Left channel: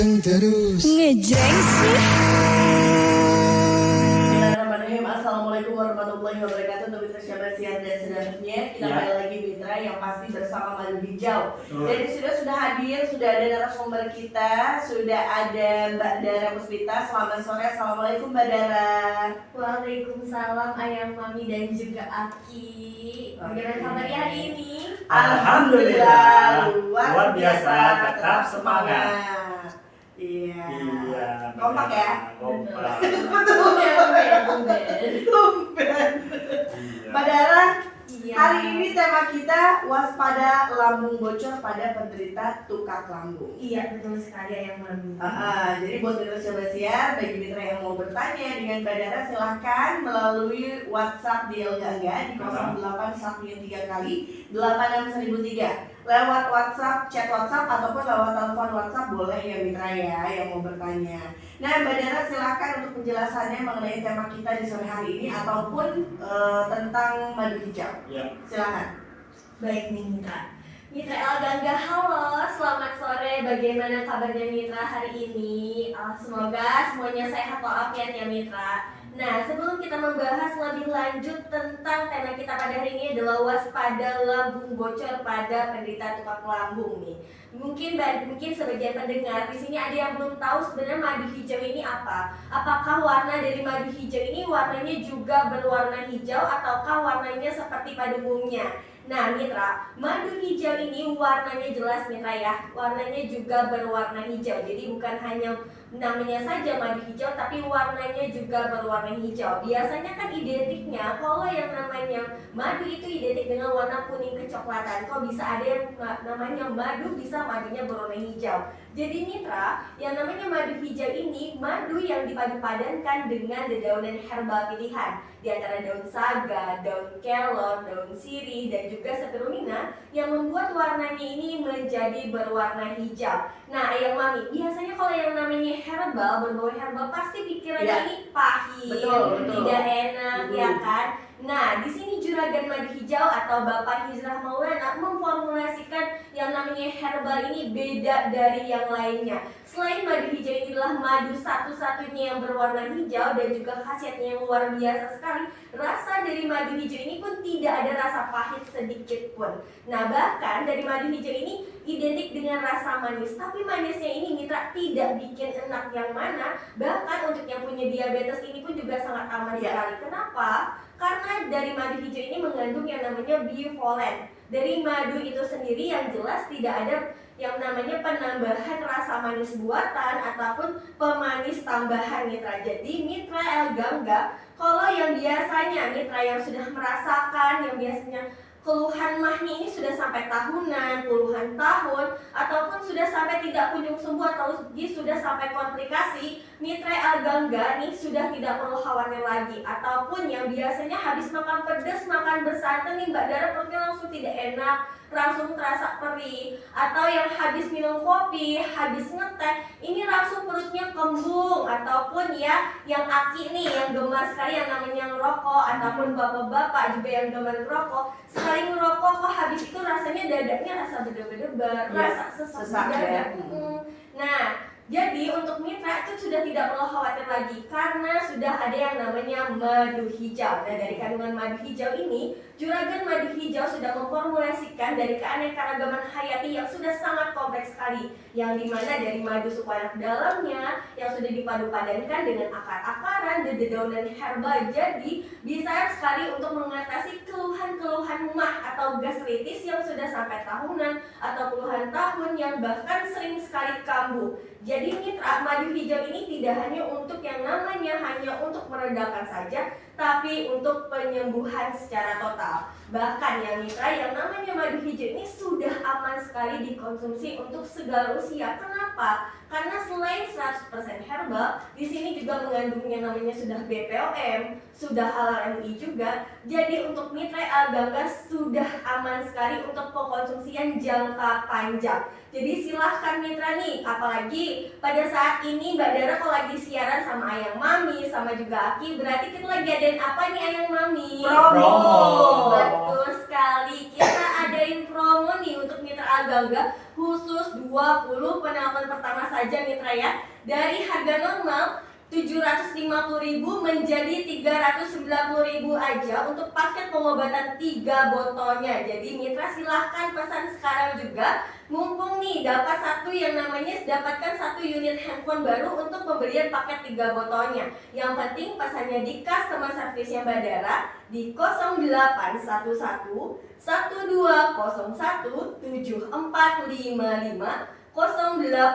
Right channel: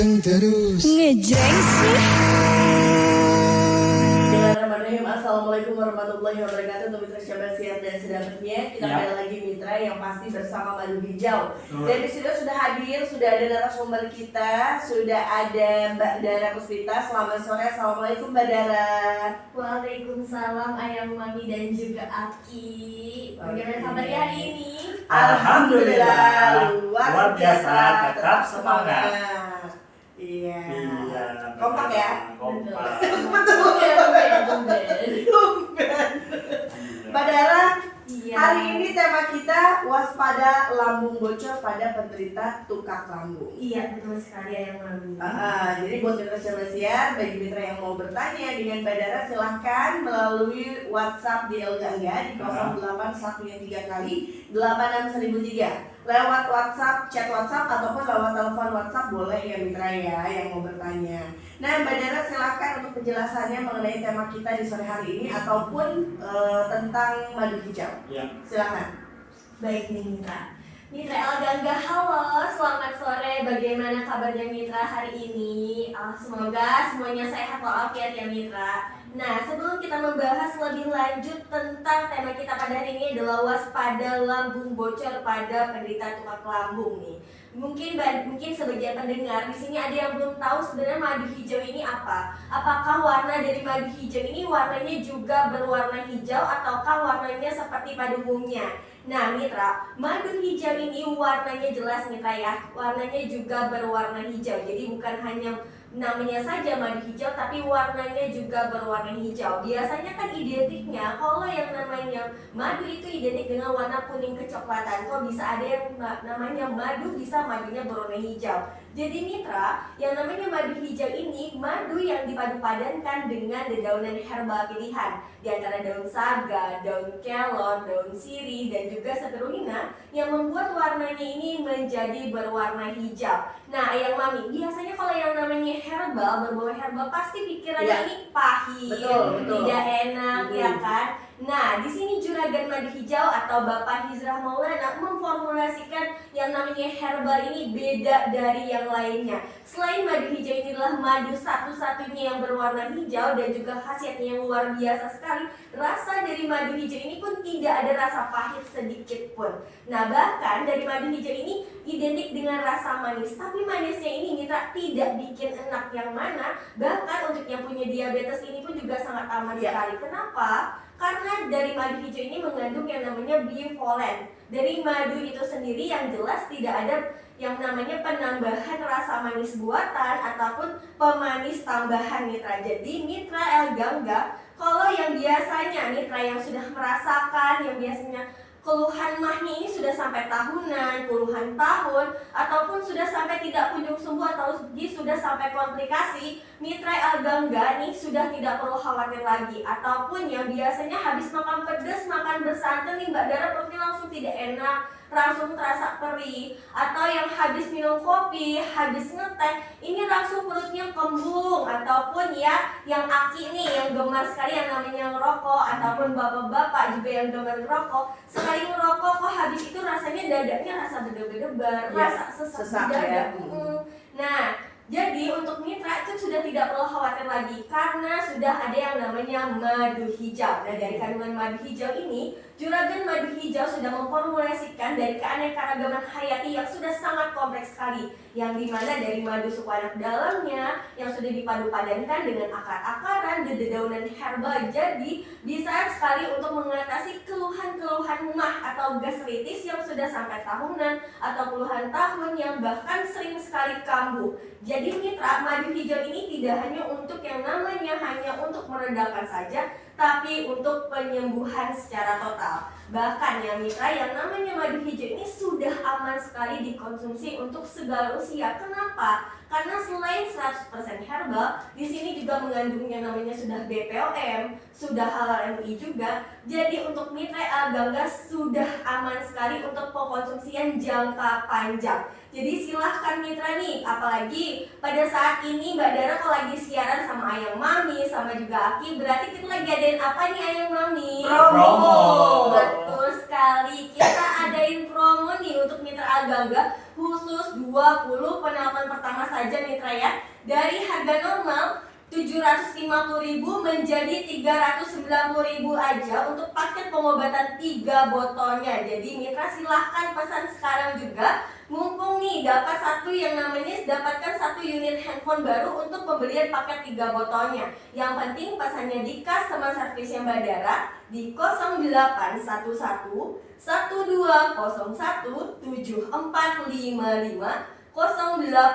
ganteng terus. Ngejreng sih. Bismillahirrahmanirrahim. Assalamualaikum warahmatullahi wabarakatuh. Untuk mitra Syabar Siar dan Sedapetnya, kita kembali lagi mitra yang pasti bersama Madu Hijau. Dan di studio sudah hadir, sudah ada narasumber kita, sudah ada Mbak Dara Puspita. Selamat sore, assalamualaikum Mbak Dara. Waalaikumsalam Ayang Mami dan juga Aki. Bagaimana kabarnya hari ini? Alhamdulillah, luar biasa, tetap semangat. Iya. Kompak ya? Kompak. Tumben. Mbak Dara, Iya. hari ini tema kita waspada lambung bocor pada penderita tukak lambung. Iya, betul sekali Ayang Mami. Jadi buat mitra Syabar Siar, bagi mitra yang mau bertanya dengan Mbak Dara, silahkan melalui WhatsApp di Elgangga di 081 yang 3 kali 86003. Lewat WhatsApp, chat WhatsApp ataupun lewat telepon WhatsApp boleh ya mitra ya yang mau bertanya. Nah Mbak Dara silahkan untuk penjelasannya mengenai tema kita di sore hari ini ataupun tentang madu hijau. Ya. Silahkan. Baik nih Mitra. Mitra Elgangga, halo, selamat sore. Bagaimana kabarnya Mitra hari ini? Semoga semuanya sehat walafiat ya Mitra. Nah, sebelum kita membahas lebih lanjut tentang tema kita pada hari ini adalah waspada lambung bocor pada penderita tukak lambung nih. Mungkin sebagian pendengar di sini ada yang belum tahu sebenarnya madu hijau ini apa. Apakah warna dari madu hijau ini warnanya juga berwarna hijau ataukah warnanya seperti pada umumnya? Nah Mitra, madu hijau ini warnanya jelas Mitra ya. Warnanya juga berwarna hijau. Jadi bukan hanya namanya saja madu hijau tapi warnanya juga berwarna hijau. Biasanya kan identiknya kalau yang namanya madu itu identik dengan warna kuning kecoklatan. Kok bisa ada yang namanya madu bisa madunya berwarna hijau. Jadi Mitra, yang namanya madu hijau ini madu yang dipadu-padankan dengan dedaunan herbal pilihan. Di antara daun saga, daun kelor, daun sirih, dan juga spirulina yang membuat warnanya ini menjadi berwarna hijau. Nah Ayang Mami, biasanya kalau yang namanya herbal, berbau herbal pasti pikirannya ini pahit, betul. tidak enak, ya kan? Nah, di sini Juragan Madu Hijau atau Bapak Hizrah Maulana memformulasikan yang namanya herbal ini beda dari yang lainnya. Selain madu hijau ini adalah madu satu-satunya yang berwarna hijau dan juga khasiatnya yang luar biasa sekali, rasa dari madu hijau ini pun tidak ada rasa pahit sedikit pun. Nah, bahkan dari madu hijau ini identik dengan rasa manis, tapi manisnya ini Mitra tidak bikin enak yang mana. Bahkan untuk yang punya diabetes ini pun juga sangat aman sekali. Kenapa? Karena dari madu hijau ini mengandung yang namanya biovolen. Dari madu itu sendiri yang jelas tidak ada yang namanya penambahan rasa manis buatan ataupun pemanis tambahan Mitra. Jadi Mitra Elgangga, kalau yang biasanya Mitra yang sudah merasakan, yang biasanya keluhan mahnya ini sudah sampai tahunan, puluhan tahun, ataupun sudah sampai tidak kunjung sembuh atau sudah sampai komplikasi, Mitra Elgangga nih sudah tidak perlu khawatir lagi. Ataupun yang biasanya habis makan pedas, makan bersantan nih Mbak Dara perutnya langsung tidak enak, langsung terasa perih, atau yang habis minum kopi, habis ngeteh, ini langsung perutnya kembung, ataupun ya yang Aki nih yang gemar sekali yang namanya ngerokok, ataupun bapak-bapak juga yang gemar ngerokok, sekali ngerokok kok habis itu rasanya dadanya rasa berdebar-debar, rasa sesak di dada. Nah, jadi untuk Mitra itu sudah tidak perlu khawatir lagi karena sudah ada yang namanya madu hijau. Nah dari kandungan madu hijau ini, Juragan Madu Hijau sudah memformulasikan dari keanekaragaman hayati yang sudah sangat kompleks sekali, yang dimana dari madu suku anak dalamnya yang sudah dipadu-padankan dengan akar-akaran, dedaunan herbal, jadi bisa sekali untuk mengatasi keluhan-keluhan mah atau gastritis yang sudah sampai tahunan atau puluhan tahun yang bahkan sering sekali kambuh. Jadi Mitra, madu hijau ini tidak hanya untuk yang namanya hanya untuk meredakan saja, tapi untuk penyembuhan secara total. Bahkan ya Mitra, yang namanya madu hijau ini sudah aman sekali dikonsumsi untuk segala usia. Kenapa? Karena selain 100% herbal, di sini juga mengandung yang namanya sudah BPOM, sudah halal MUI juga. Jadi untuk Mitra Elgangga sudah aman sekali untuk pengkonsumsian jangka panjang. Jadi silahkan Mitra nih, apalagi pada saat ini Mbak Dara kalau lagi siaran sama Ayang Mami, sama juga Aki, berarti kita lagi adain apa nih Ayang Mami? Promo. Betul sekali, kita adain promo nih untuk Mitra Elgangga khusus 2 penelpon pertama saja mitra ya. Dari harga normal 750.000 menjadi 390.000 aja untuk paket pengobatan 3 botolnya. Jadi mitra silahkan pesan sekarang juga. Mumpung nih dapatkan satu unit handphone baru untuk pembelian paket 3 botolnya. Yang penting pesannya di customer service-nya Badara di 0811 1201 7455 0811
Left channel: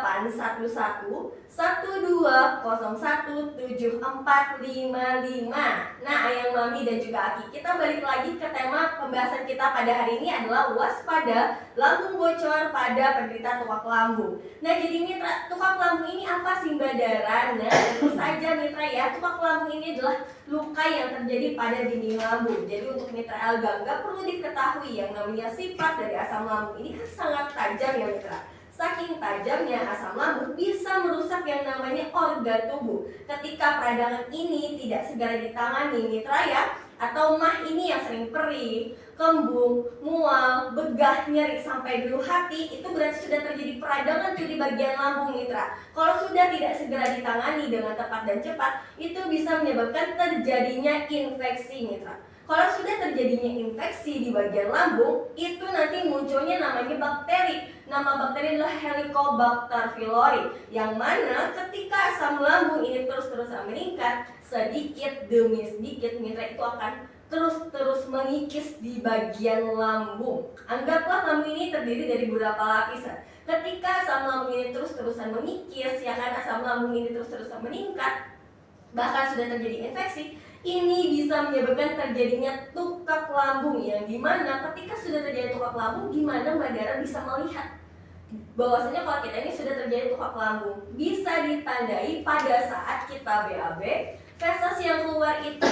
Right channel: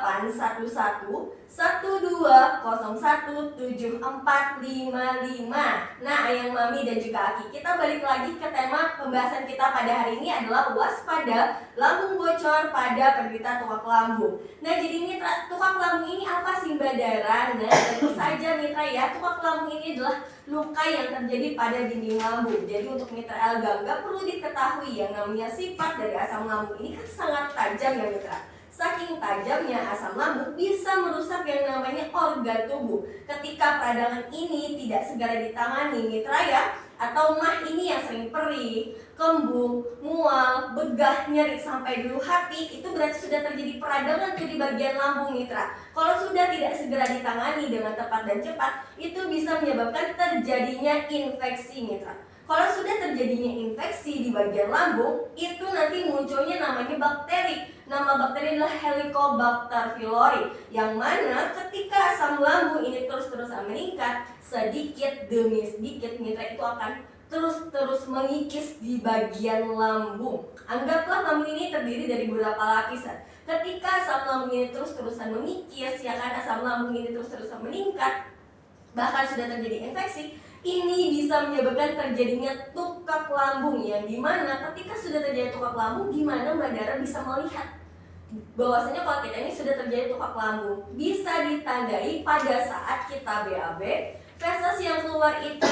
1201 7455. Nah, Ayang Mami dan juga Aki, kita balik lagi ke tema pembahasan kita pada hari ini adalah waspada lambung bocor pada penderita tukak lambung. Nah, jadi mitra, tukak lambung ini apa sih Mbak Dara? Nah, tentu saja mitra ya, tukak lambung ini adalah luka yang terjadi pada dinding lambung. Jadi untuk mitra Elgangga perlu diketahui yang namanya sifat dari asam lambung ini kan sangat tajam ya mitra. Saking tajamnya asam lambung bisa merusak yang namanya organ tubuh. Ketika peradangan ini tidak segera ditangani mitra ya, atau mah ini yang sering perih, kembung, mual, begah, nyeri sampai dulu hati, itu berarti sudah terjadi peradangan di bagian lambung mitra. Kalau sudah tidak segera ditangani dengan tepat dan cepat, itu bisa menyebabkan terjadinya infeksi mitra. Kalau sudah terjadinya infeksi di bagian lambung, itu nanti munculnya namanya bakteri. Nama bakteri adalah Helicobacter pylori, yang mana ketika asam lambung ini terus-terusan meningkat, sedikit demi sedikit mitra itu akan terus mengikis di bagian lambung. Anggaplah lambung ini terdiri dari beberapa lapisan. Ketika asam lambung ini terus-terusan mengikis, ya kan, asam lambung ini terus-terusan meningkat, bahkan sudah terjadi infeksi, ini bisa menyebabkan terjadinya tukak lambung, yang dimana ketika sudah terjadi tukak lambung, gimana Mbak Dara bisa melihat bahwasanya kalau kita ini sudah terjadi tukak lambung? Bisa ditandai pada saat kita BAB, feses yang keluar itu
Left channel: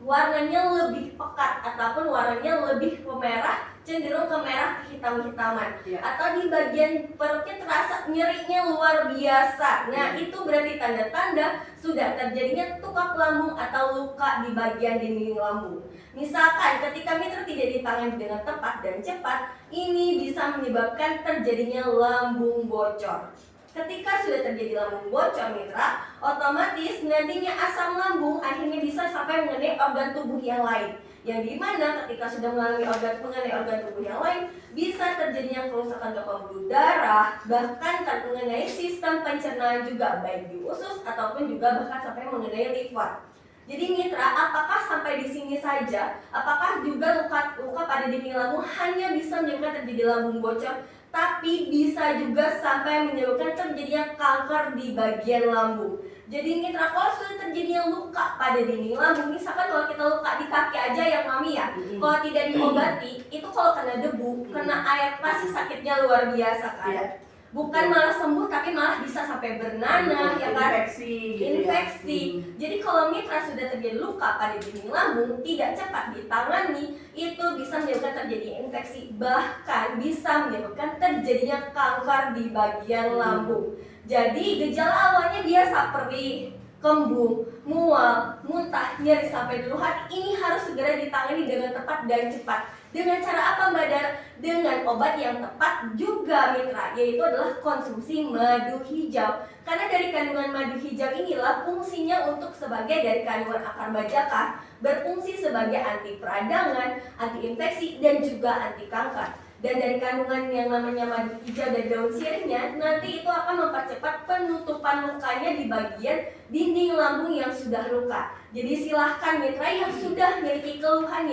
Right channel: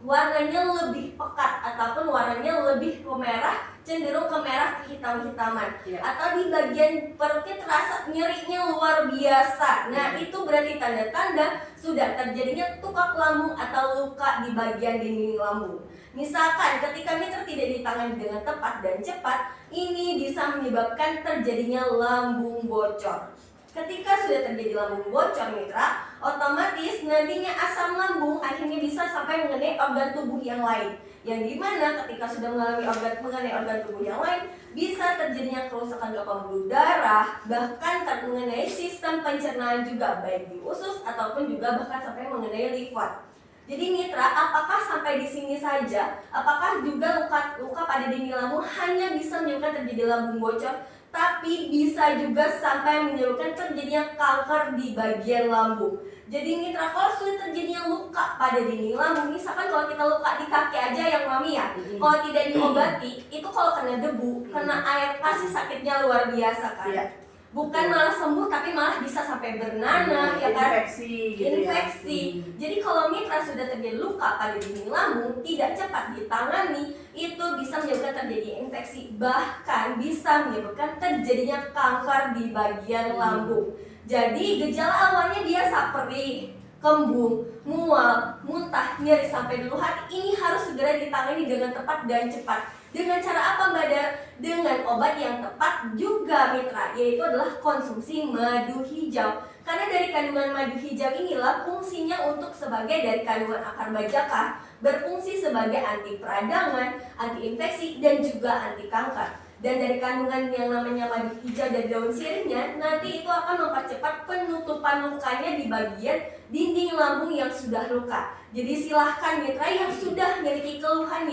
warnanya lebih pekat ataupun warnanya lebih ke merah, cenderung ke merah kehitam-hitaman, atau di bagian perutnya terasa nyerinya luar biasa. Nah, itu berarti tanda-tanda sudah terjadinya tukak lambung atau luka di bagian dinding lambung. Misalkan ketika mitra tidak ditangani dengan tepat dan cepat, ini bisa menyebabkan terjadinya lambung bocor. Ketika sudah terjadi lambung bocor mitra, otomatis nantinya asam lambung akhirnya bisa sampai mengenai organ tubuh yang lain, yang dimana ketika sudah mengenai organ tubuh yang lain, bisa terjadinya kerusakan ke pembuluh darah, bahkan mengenai sistem pencernaan juga, baik di usus ataupun juga bahkan sampai mengenai liver. Jadi mitra, apakah sampai di sini saja? Apakah juga luka pada dinding lambung hanya bisa menyebabkan terjadi lambung bocor, tapi bisa juga sampai menyebabkan terjadinya kanker di bagian lambung. Jadi mitra, kalau sudah terjadinya luka pada dinding lambung, misalkan kalau kita luka di kaki aja yang Mami ya, kalau tidak diobati, itu kalau kena debu, kena air, pasti sakitnya luar biasa kan. Bukan malah sembuh, tapi malah bisa sampai bernanah, ya kan? Infeksi gitu Infeksi. Jadi kalau mitra sudah terjadi luka pada dinding lambung, tidak cepat ditangani, itu bisa menyebabkan terjadi infeksi, bahkan bisa menyebabkan terjadinya kanker di bagian lambung. Jadi gejala awalnya biasa perih, kembung, mual, muntah, nyeri sampai dulu hati, ini harus segera ditangani dengan tepat dan cepat. Dengan cara apa Mbak Dar? Dengan obat yang tepat juga mitra, yaitu adalah konsumsi madu hijau. Karena dari kandungan madu hijau inilah fungsinya untuk sebagai dari kandungan akar bajaka, berfungsi sebagai anti peradangan, anti infeksi, dan juga anti kanker. Dan dari kandungan yang namanya madu hijau dan daun sirihnya, nanti itu akan mempercepat penutupan lukanya di bagian dinding lambung yang sudah luka. Jadi silahkan mitra yang sudah memiliki keluhan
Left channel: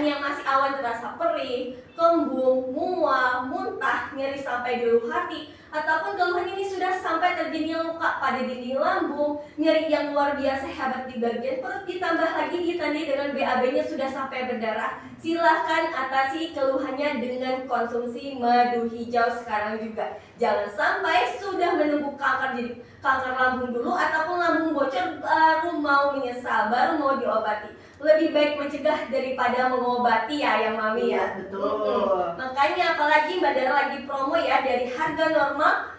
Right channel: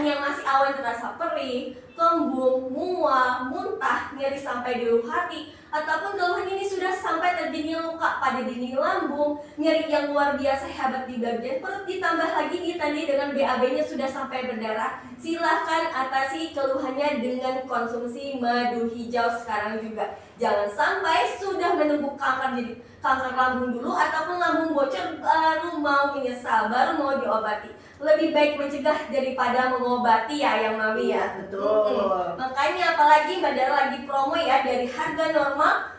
yang masih awal terasa perih, kembung, mual, muntah, nyeri sampai di lubuk hati, ataupun keluhan ini sudah sampai terjadinya luka pada dinding lambung, nyeri yang luar biasa hebat di bagian perut, ditambah lagi ditandai dengan BAB-nya sudah sampai berdarah, silahkan atasi keluhannya dengan konsumsi madu hijau sekarang juga. Jangan sampai sudah menunggu kanker jadi kanker lambung dulu ataupun lambung bocor baru mau menyesal, baru mau diobati. Lebih baik mencegah daripada mengobati ya yang Mami ya. Betul. Makanya apalagi Mbak Dara lagi promo ya, dari harga normal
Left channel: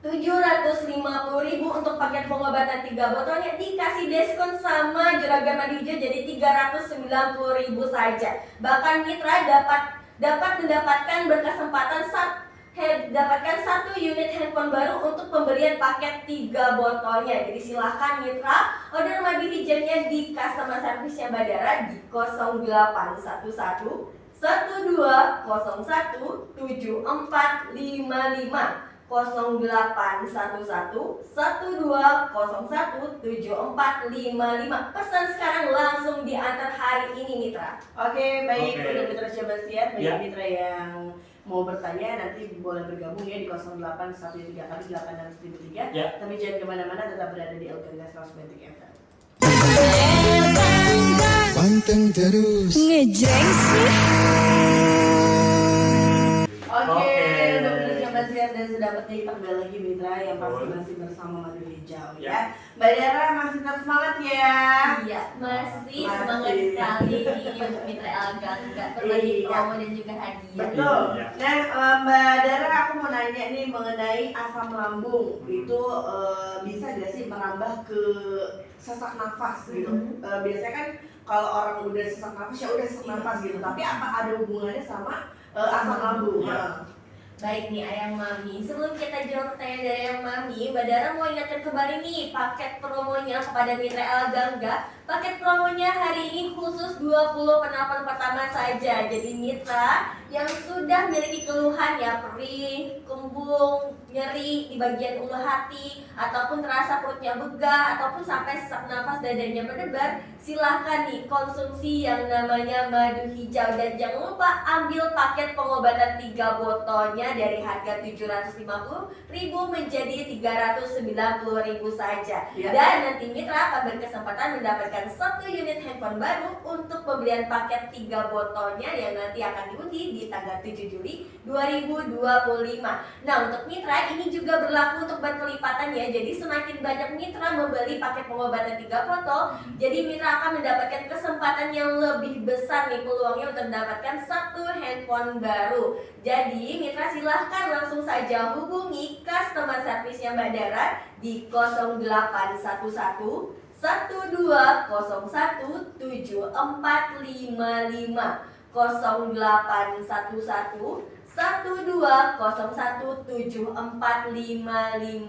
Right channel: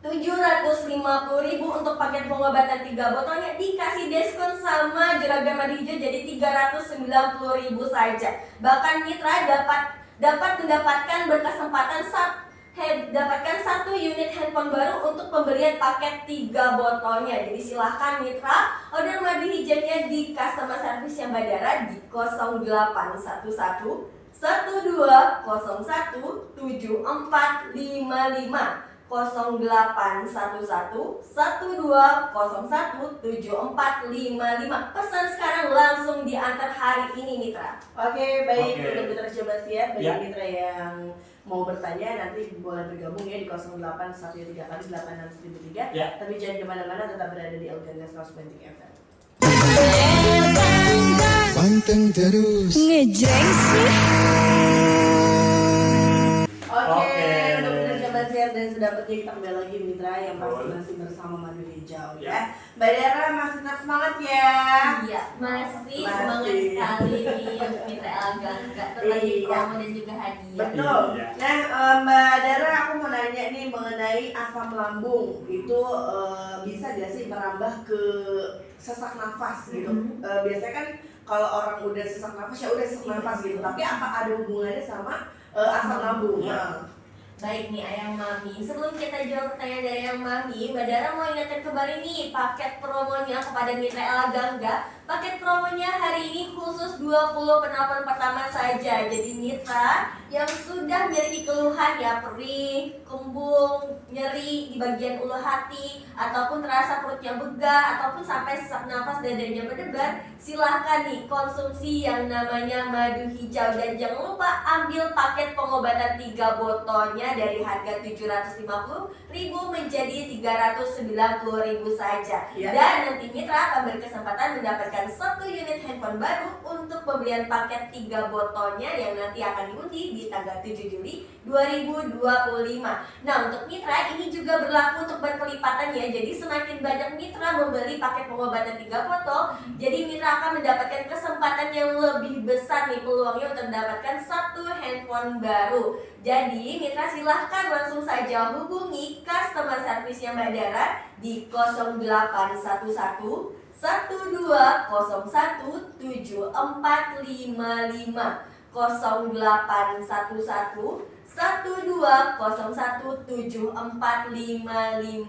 750.000 untuk paket pengobatan 3 botolnya dikasih diskon sama juragan madu hijau jadi 390.000 saja. Bahkan mitra dapat mendapatkan berkesempatan dapatkan 1 unit handphone baru untuk pembelian paket 3 botolnya. Jadi silahkan mitra order madu hijaunya di customer service yang Badara di 0811 1201 7455 0811 1201 7455. Pesan sekarang langsung diantar hari ini mitra. Oke, baik Oke. untuk mitra coba siap bagi Ya. mitra yang mau bertanya nanti boleh bergabung ya di 0813 kali 86003. Ya. Tapi jangan kemana-mana, tetap berada di Elgagas Rosmentik FM. Panteng terus. Ngejreng sih. Oke, Oke. untuk mitra coba siap dan sudah petik kembali lagi mitra yang pasti Betul. masih bersama Madu Hijau ya. Ya. Mbak Dara masih tetap semangat ya. Iya, masih Masih. semangat sekali untuk mitra Elgangga berbagi Iya. promo dan juga hadiah. Betul. Iya. Nah, Mbak Dara, aku mau nanya nih mengenai asam lambung itu bisa gak sih merambah ke sesak nafas gitu? Biasanya kan kalau orang udah sesak nafas ya udah sesak nafas gitu. Tapi apa ada hubungannya sama asam lambung? Iya. Baik nih Ayang Mami, sebelum kita jawab pertanyaan dari Ayang Mami, Mbak Dara mau ingatkan kembali nih paket promonya kepada mitra Elgangga. Paket promonya hari ini khusus 20 penelpon pertama saja. Jadi mitra yang sudah memiliki keluhan ya perih, kembung, nyeri di bagian ulu hati, ataupun terasa perutnya begah, ataupun sampai sesak nafas dadanya berdebar, silahkan nih konsumsi yang namanya madu hijau. Dan jangan lupa ambil paket pengobatan 3 botolnya dari harga 750.000 menjadi 390.000 saja. Ya. Dan nanti mitra akan berkesempatan mendapatkan 1 unit handphone baru untuk pembelian paket 3 botolnya yang nanti akan diundi di tanggal 7 Juli 2025. Nah, untuk mitra ini juga berlaku untuk berkelipatan ya. Jadi semakin banyak mitra membeli paket pengobatan 3 botol, jadi mitra akan mendapatkan kesempatan yang lebih besar nih peluangnya untuk mendapatkan 1 handphone baru. Jadi mitra silahkan langsung saja hubungi customer service-nya Mbak Dara di 0811 1201 7455 0811 1201 7455.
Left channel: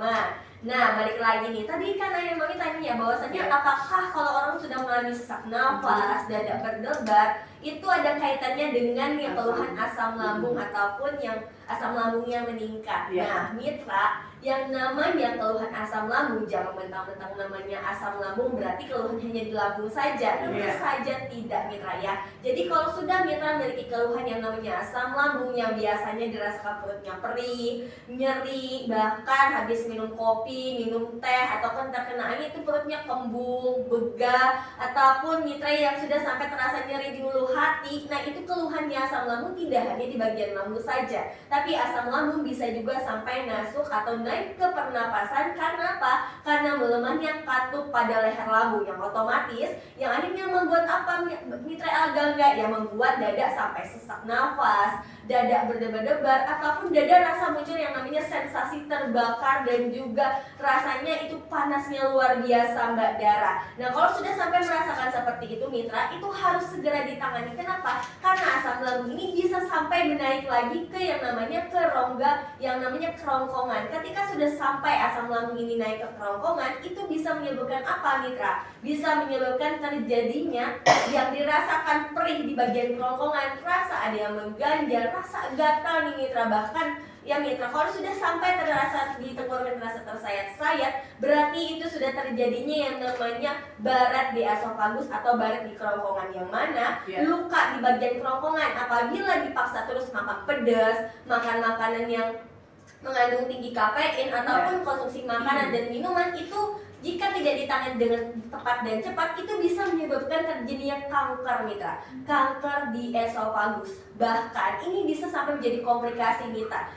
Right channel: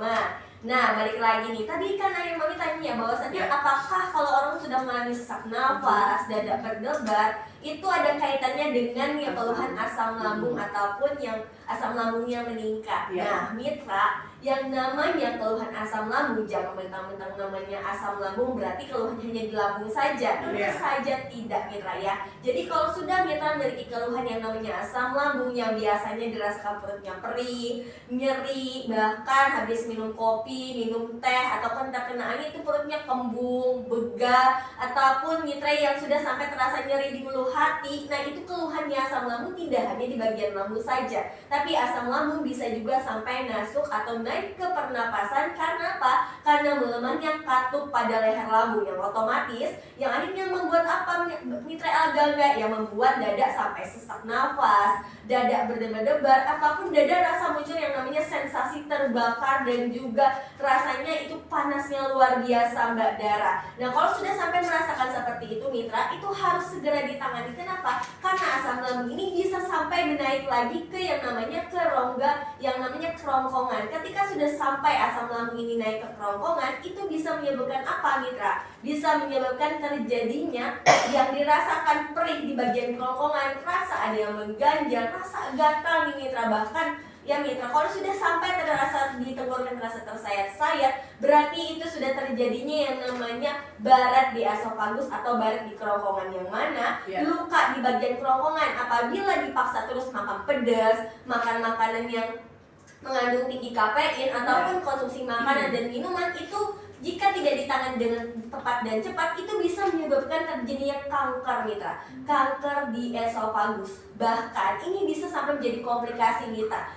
Nah, balik lagi nih. Tadi kan Ayah Mami tanya bahwasannya apakah kalau orang sudah mengalami sesak nafas, dada berdebar, itu ada kaitannya dengan yang keluhan asam lambung ataupun yang asam lambungnya meningkat. Ya. Nah, mitra, yang namanya keluhan asam lambung jangan mentang-mentang namanya asam lambung berarti keluhan hanya di lambung saja. Tentu Ya. saja tidak mitra ya. Jadi kalau sudah mitra memiliki keluhan yang namanya asam lambung yang biasanya dirasakan perutnya perih, nyeri, bahkan habis minum kopi, minum teh ataupun terkena angin itu perutnya kembung, begah, ataupun mitra yang sudah sampai terasa nyeri di ulu hati. Nah, itu keluhannya asam lambung tidak hanya di bagian lambung saja, tapi asam lambung bisa juga sampai masuk atau naik ke pernapasan. Karena apa? Karena melemahnya katup pada leher lambung yang otomatis yang akhirnya membuat apa mitra Elgangga yang membuat dada sampai sesak nafas, dada berdebar-debar, ataupun dada rasa muncul yang namanya sensasi terbakar dan juga rasanya itu panasnya luar biasa Mbak Dara. Nah, kalau sudah sampai merasakan seperti itu mitra, itu harus segera ditangani. Kenapa? Karena asam lambung ini bisa sampai menaik lagi ke yang namanya kerongga, yang namanya kerongkongan. Ketika sudah sampai asam lambung ini naik ke kerongkongan, itu bisa menyebabkan apa mitra? Bisa menyebabkan terjadinya yang dirasakan perih di bagian kerongkongan, rasa ada yang mengganjal, rasa gatal nih mitra. Bahkan ya mitra, kalau sudah sampai terasa di tenggorokan terasa tersayat-sayat, berarti itu sudah terjadinya yang namanya barat di esofagus atau barat di kerongkongan, yang mana Ya. luka di bagian kerongkongan apabila dipaksa terus makan pedas, makan makanan yang mengandung tinggi kafein ataupun konsumsi makanan dan minuman itu jika tidak ditangani dengan tepat dan cepat, itu bisa menyebabkan terjadinya kanker mitra, kanker di esofagus. Bahkan ini bisa sampai menjadi komplikasi mitra.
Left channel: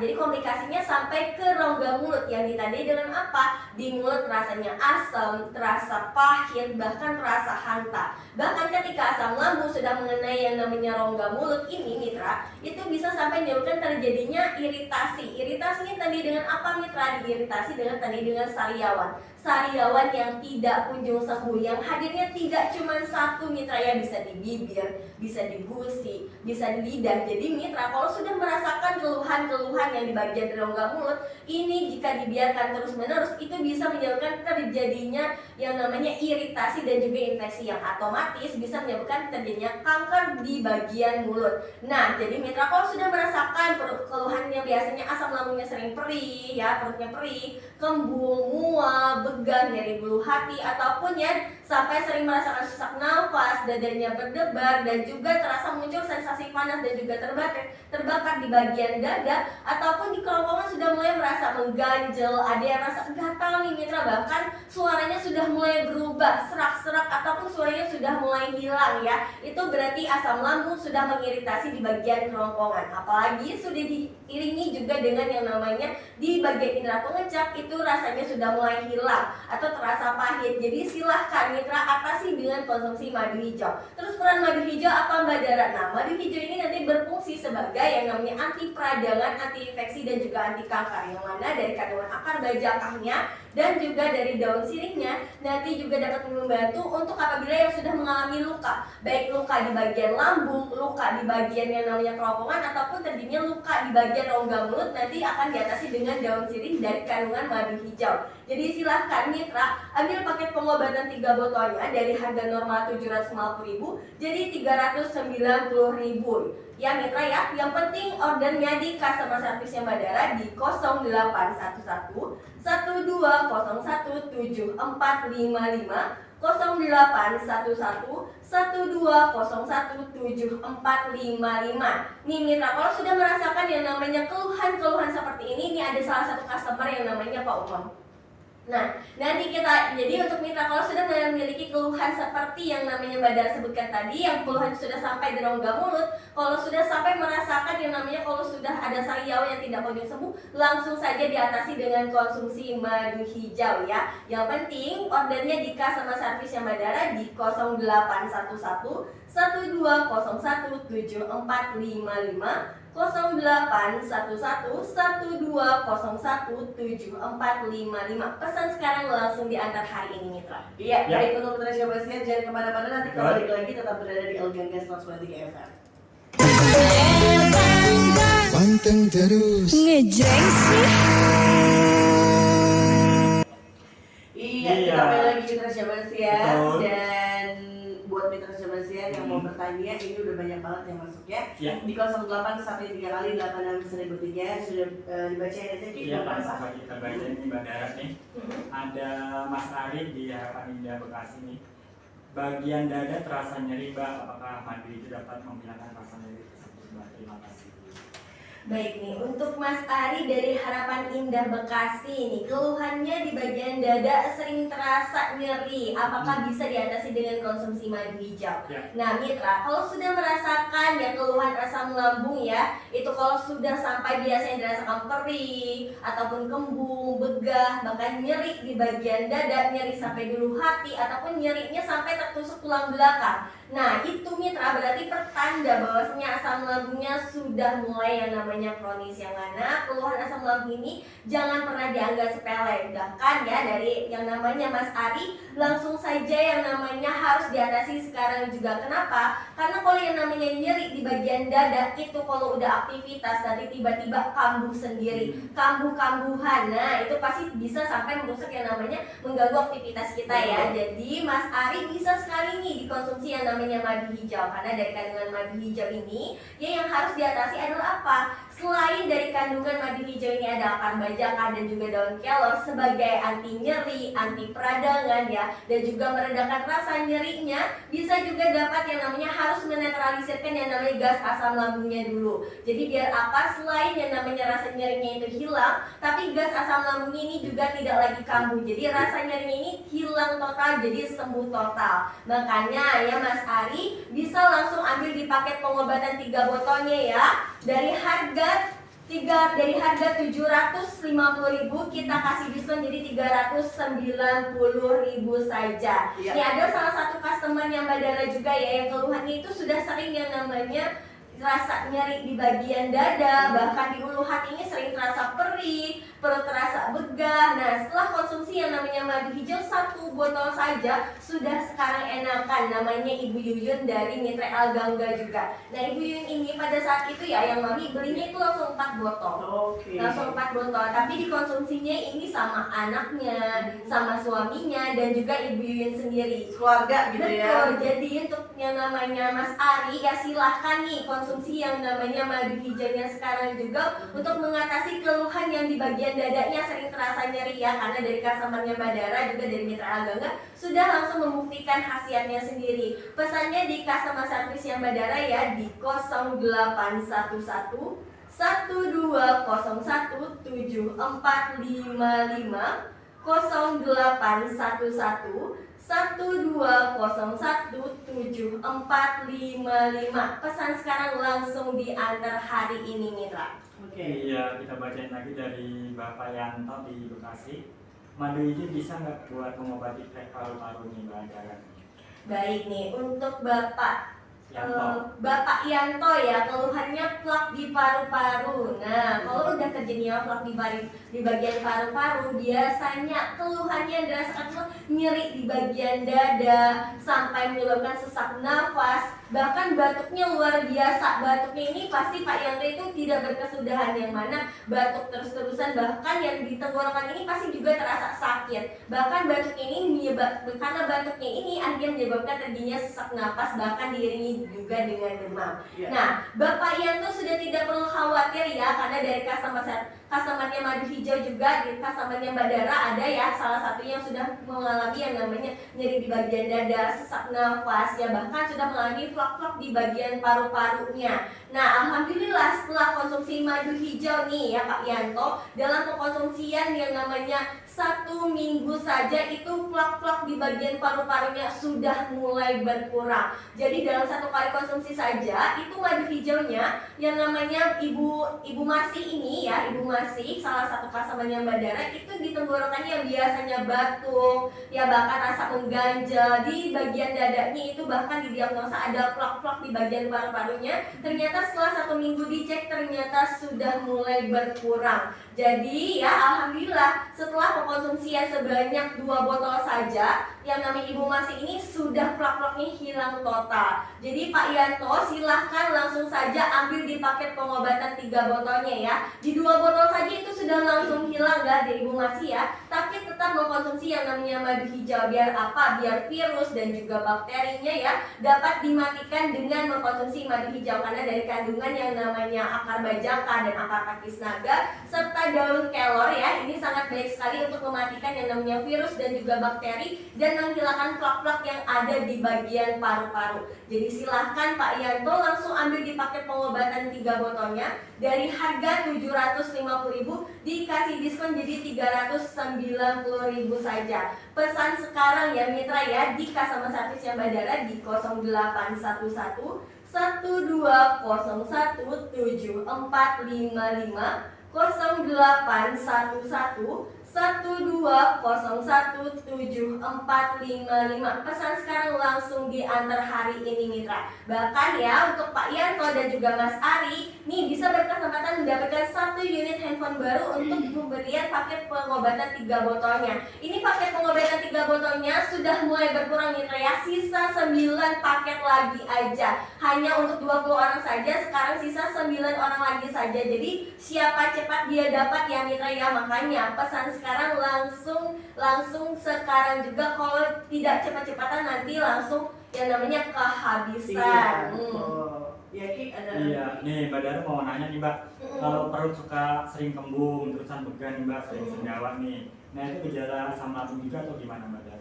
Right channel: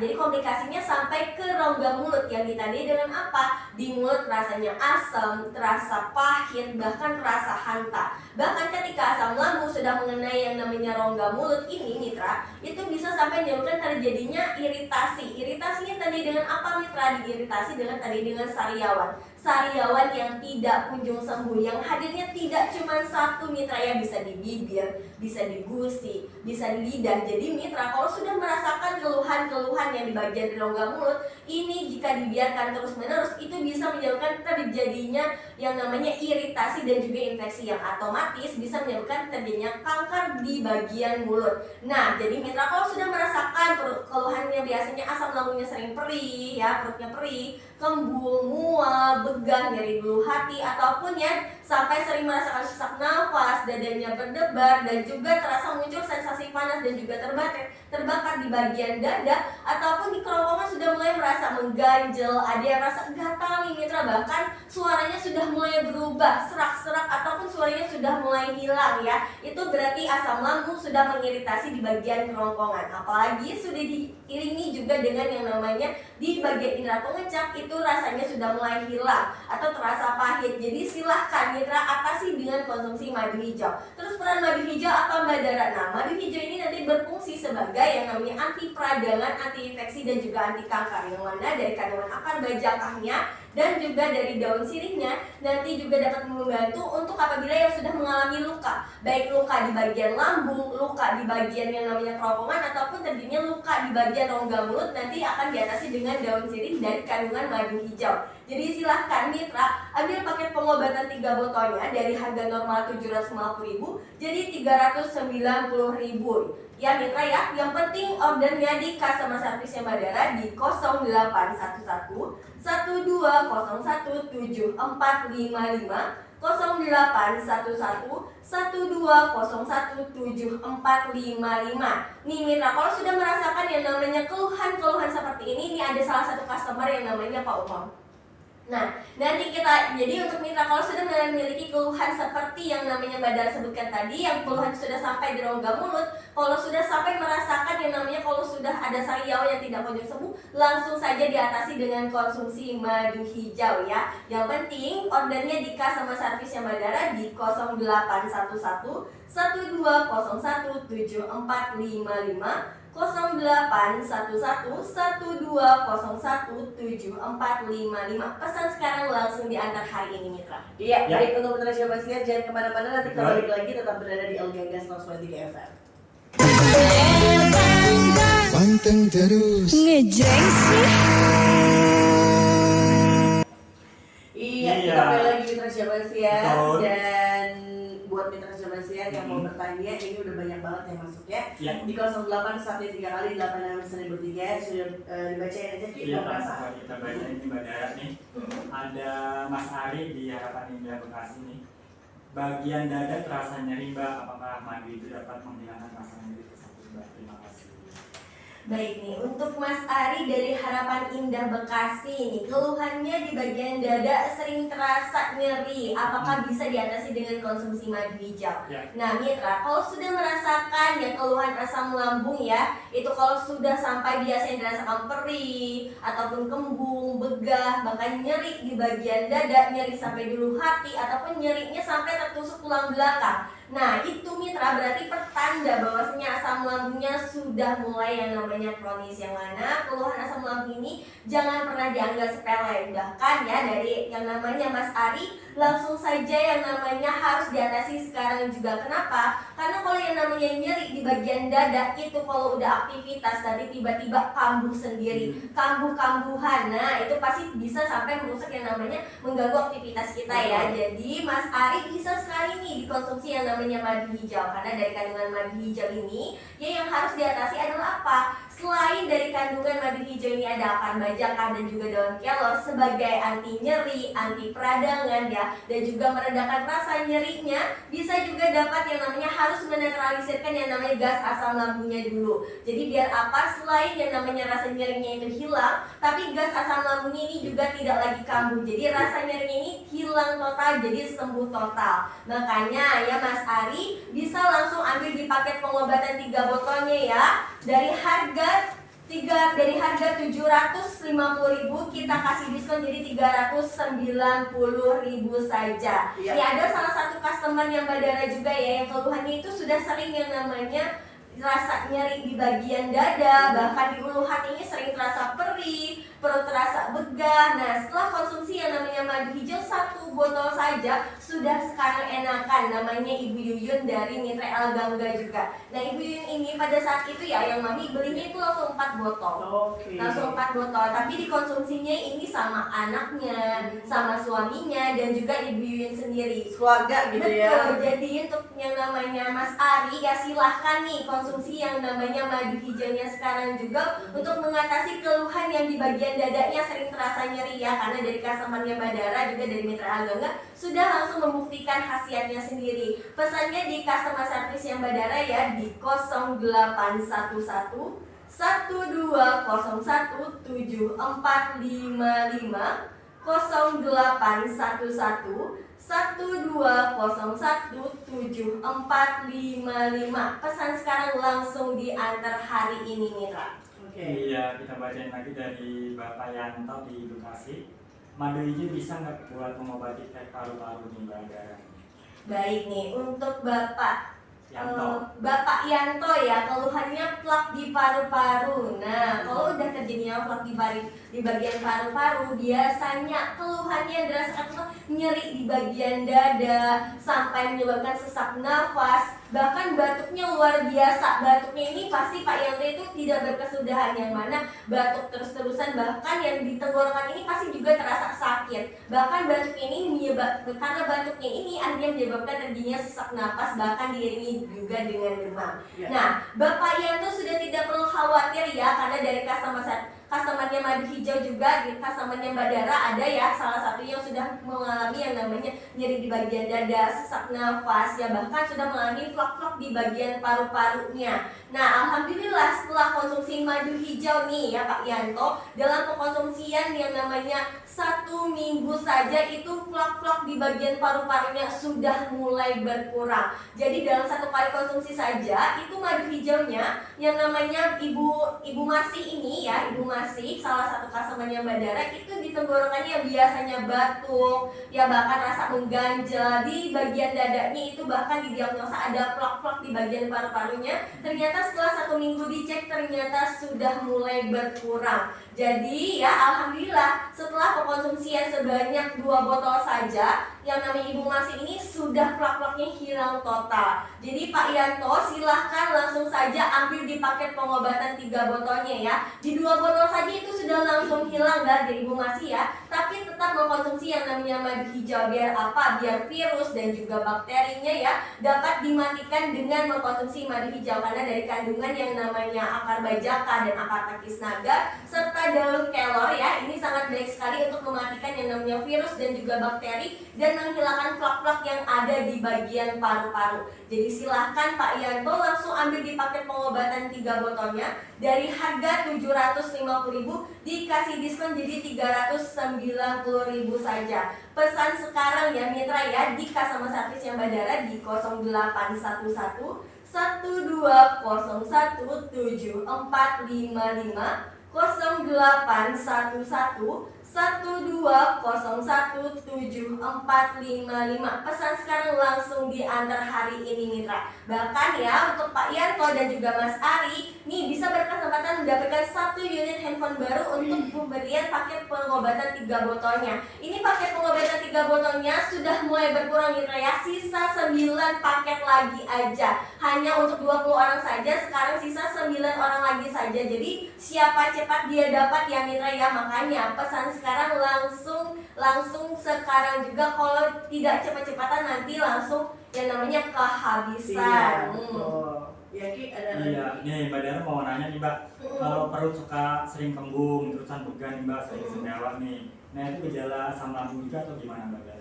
Jadi komplikasinya sampai ke rongga mulut yang ditandai dengan apa? Di mulut rasanya asam, terasa pahit, bahkan terasa hanta. Bahkan ketika asam lambung sudah mengenai yang namanya rongga mulut ini mitra, itu bisa sampai menyebabkan terjadinya iritasi. Iritasinya tadi dengan apa mitra? Diiritasi dengan tadi dengan sariawan. sariawan yang tidak kunjung sembuh, yang hadirnya tidak cuma satu mitra ya, bisa di bibir, bisa di gusi, bisa di lidah. Jadi mitra kalau sudah merasakan keluhan-keluhan yang di bagian rongga mulut ini, jika dibiarkan terus-menerus itu bisa menyebabkan terjadinya yang namanya iritasi dan juga infeksi yang otomatis bisa menyebabkan terjadinya kanker di bagian mulut. Nah, jadi mitra kalau sudah merasakan keluhannya biasanya asam lambungnya sering perih ya, perutnya perih, kembung, mual, begah, nyeri bulu hati, ataupun ya sampai sering merasakan sesak nafas, dadanya berdebar, dan juga terasa muncul sensasi panas dan juga terbakar di bagian dada, ataupun di kerongkongan sudah mulai merasa mengganjel, ada yang rasa gatal nih mitra, bahkan suaranya sudah mulai berubah, serak-serak, ataupun suaranya sudah mulai hilang ya. Itu berarti asam lambung sudah mengiritasi di bagian kerongkongan. Apalagi sudah diiringi juga dengan yang namanya di bagian indera pengecap, itu rasanya sudah mulai hilang atau terasa pahit. Jadi silahkan mitra atasi dengan konsumsi madu hijau. Terus peran madu hijau apa Mbak Dara? Nah, madu hijau ini nanti berfungsi sebagai yang namanya anti peradangan, anti infeksi, dan juga anti kanker, yang mana dari kandungan akar bajakahnya dan juga dari daun sirihnya nanti juga dapat membantu untuk apabila yang sudah mengalami luka, baik luka di bagian lambung, luka di bagian yang namanya kerongkongan, ataupun terjadinya luka di bagian rongga mulut, nanti akan diatasi dengan daun sirih dari kandungan madu hijau. Jadi silahkan mitra ambil paket pengobatan 3 botolnya dari harga normal 750.000 jadi 390.000 ya mitra ya. Yang penting ordernya di customer service Mbak Dara di 0811 1201 7455, 0811 1201 7455. Nih mitra, kalau sudah merasakan yang namanya keluhan-keluhan seperti ini ada salah satu customer yang namanya Pak Umam. Nah, nanti kita, jadi untuk mitra kalau sudah memiliki keluhan seperti yang namanya Mbak Dara sebutkan tadi, yang keluhan sudah sampai di rongga mulut, kalau sudah sampai merasakan yang namanya kalau sudah ada sariawan yang tidak kunjung sembuh, langsung saja diatasi dengan konsumsi madu hijau ya. Yang penting ordernya di customer service Mbak Dara di 0811 1201 7455, 0811 1201 7455. Pesan sekarang langsung diantar hari ini mitra. Iya, Ya. baik untuk mitra Syabasiar jangan kemana-mana, nanti kembali lagi tetap berada di El Gangga 103 FM. Panteng terus. Ngejreng sih. Iya, Iya. kita kembali lagi mitra Syabasiar. Betul. Dan buat mitra Syabasiar yang mau bertanya, ini udah banyak banget yang masuk ya. Ya. Di 08 sampai 3 kali 86.003 sudah dibacain aja Ki. Iya Pak, coba kita baca ini Mbak Dara nih. Ada Mas Ari di Harapan Indah Bekasi nih. Bagian dada terasa nyeri Mbak, apakah madu itu dapat menghilangkan rasa nyeri tersebut Mbak? Terima kasih. Baik nih, untuk Mas Ari dari Harapan Indah Bekasi nih, keluhannya di bagian dada sering terasa nyeri. Apakah bisa diatasi dengan konsumsi madu hijau? Ya. Nah mitra, kalau sudah merasakan ya keluhan asam lambung ya, itu kalau sudah sampai biasanya dirasakan perih, ataupun kembung, begah, bahkan nyeri di bagian dada, nyeri sampai di ulu hati, ataupun nyerinya sampai tertusuk tulang belakang. Nah itu mitra berarti pertanda bahwasanya asam lambungnya sudah mulai yang namanya kronis, yang mana keluhan asam lambung ini jangan pernah dianggap sepele. Bahkan ya dari yang namanya Mas Ari langsung saja yang namanya harus diatasi sekarang juga. Kenapa? Karena kalau yang namanya nyeri di bagian dada itu kalau udah aktivitas nanti tiba-tiba kambuh sendiri, kambuh-kambuhan. Nah itu pasti bisa sampai merusak yang namanya mengganggu aktivitas kita ya. Jadi Mas Ari bisa sekali nih dikonsumsi yang namanya madu hijau, karena dari kandungan madu hijau ini ya yang harus diatasi adalah apa? Selain dari kandungan madu hijau ini ada akar bajakah dan juga daun kelor sebagai anti nyeri, anti peradangan ya, dan juga meredakan rasa nyerinya, bisa juga dapat yang namanya harus menetralisirkan yang namanya gas asam lambungnya dulu. Jadi biar apa? Selain yang namanya rasa nyerinya itu hilang, tapi gas asam lambungnya ini juga tidak lagi kambuh. Jadi rasa nyerinya ini hilang total, jadi sembuh total. Makanya ya Mas Ari bisa langsung ambil di paket pengobatan 3 botolnya ya. Dari harga 750.000 kita kasih diskon jadi 390.000 saja. Iya. Ya ada salah satu customer yang Mbak Dara juga ya yang keluhannya itu sudah sering yang namanya rasa nyeri di bagian dada, bahkan di ulu hatinya sering terasa perih, perut terasa begah. begah. Nah, setelah konsumsi yang namanya madu hijau 1 botol saja sudah sekarang enakan. Namanya Ibu Yuyun dari Mitra El Gangga juga. Nah, Ibu Yuyun ini pada saat itu ya yang mami belinya itu langsung 4 botol. Oke. Langsung 4 botol, tapi dikonsumsinya ini sama anaknya, sama suaminya, dan juga Ibu Yuyun sendiri. Keluarga gitu ya. Betul, jadi untuk yang namanya Mas Ari ya silahkan nih konsumsi yang namanya madu hijaunya sekarang juga untuk mengatasi keluhan yang di bagian dadanya sering terasa nyeri ya, karena dari customernya Badara juga dari Mitra Agangga sudah langsung membuktikan khasiatnya sendiri. Pesannya di customer service yang Badara ya di 0811 1201 7455 0811 12017455. Pesan sekarang langsung diantar hari ini Mitra. Oke. Iya, kita bacain lagi dari Bapak Yanto di Bekasi. Madu hijau bisa nggak buat mengobati krek paru-paru nih Mbak Dara? Baik nih untuk Bapak Yanto. Bapak Yanto ya, keluhannya plak di paru-paru. Nah, kalau udah kejadian plak di bagian paru-paru, biasanya keluhannya dirasakan tuh nyeri di bagian dada sampai menyebabkan sesak nafas, bahkan batuknya luar biasa. Batuknya ini pasti Pak Yanto itu tidak berkesudahan, yang mana batuk terus-terusan, bahkan yang di tenggorokan ini pasti juga terasa sakit. Bahkan batuknya ini karena batuknya ini akhirnya menyebabkan terjadinya sesak nafas, bahkan diiringi juga dengan demam. Ya. Nah, Bapak Yanto sudah tidak perlu khawatir ya, karena dari customernya Madu Hijau juga, di customernya Mbak Dara ada ya, salah satu yang sudah mengalami yang namanya nyeri di bagian dada, sesak nafas ya, bahkan sudah mengalami flak-flak di bagian paru-parunya. Nah, alhamdulillah setelah konsumsi madu hijau nih ya Pak Yanto, dalam pengkonsumsian yang namanya 1 minggu saja itu flak-flak di bagian paru-parunya sudah mulai berkurang. Jadi dalam 1 kali konsumsi saja itu madu hijaunya yang namanya Ibu Masih ini ya, Ibu Masih salah satu customernya Mbak Dara itu di tenggorokannya yang biasanya batuk ya, bahkan rasa mengganjal di bagian dadanya itu, bahkan didiagnosa ada flak-flak di bagian paru-parunya, ternyata setelah 1 minggu dicek ternyata sudah mulai berkurang. Jadi ya alhamdulillah setelah pengkonsumsian sebanyak 2 botol saja yang namanya Ibu Masih ini sudah flak-flaknya hilang total. Jadi Pak Yanto silahkan langsung saja ambil di paket pengobatan 3 botolnya ya. Di 2 botol saja itu sudah langsung hilang dari Ibu Masih ya. Tapi tetap mengkonsumsi yang namanya madu hijau, biar apa? Biar virus dan juga bakterinya ya dapat dimatikan dengan mengkonsumsi madu hijau, karena dari kandungan yang namanya akar bajaka dan akar pakis naga serta daun kelor ya, ini sangat baik sekali untuk mematikan yang namanya virus dan juga bakteri dan menghilangkan flak-flak yang ada di bagian paru-paru. Jadi silahkan Pak Yanto langsung ambil di paket pengobatan 3 botolnya. Dari harga 750.000 dikasih diskon jadi 390.000 saja. Pesan sekarang ya Mitra ya di customer service yang Badara di 0811 1201 7455 0811 12017455. Pesan sekarang langsung diantar hari ini Mitra. Bahkan ya untuk Pak Yanto dan juga Mas Ari nih bisa berkesempatan mendapatkan 1 unit handphone baru untuk pemberian paket pengobatan 3 botolnya. Ini paket pengobatan 3 botolnya sudah mulai berkurang Mitra ya. Sisa 9 paket lagi aja. Hanya untuk 20 orang saja, sekarang sisa 9 orang lagi saja. Jadi siapa cepat dia dapat ya Mitra ya. Makanya pesan sekarang langsung sekarang juga, kalau tidak cepat-cepatan nanti langsung yang namanya kehabisan. Ya Ki, ada Iya, nih Mbak Dara mau nanya nih Mbak, kalau perut suka sering kembung, terusan pegan nih Mbak, sering sendawa nih, nah itu gejala asam lambung juga atau gimana Mbak Dara?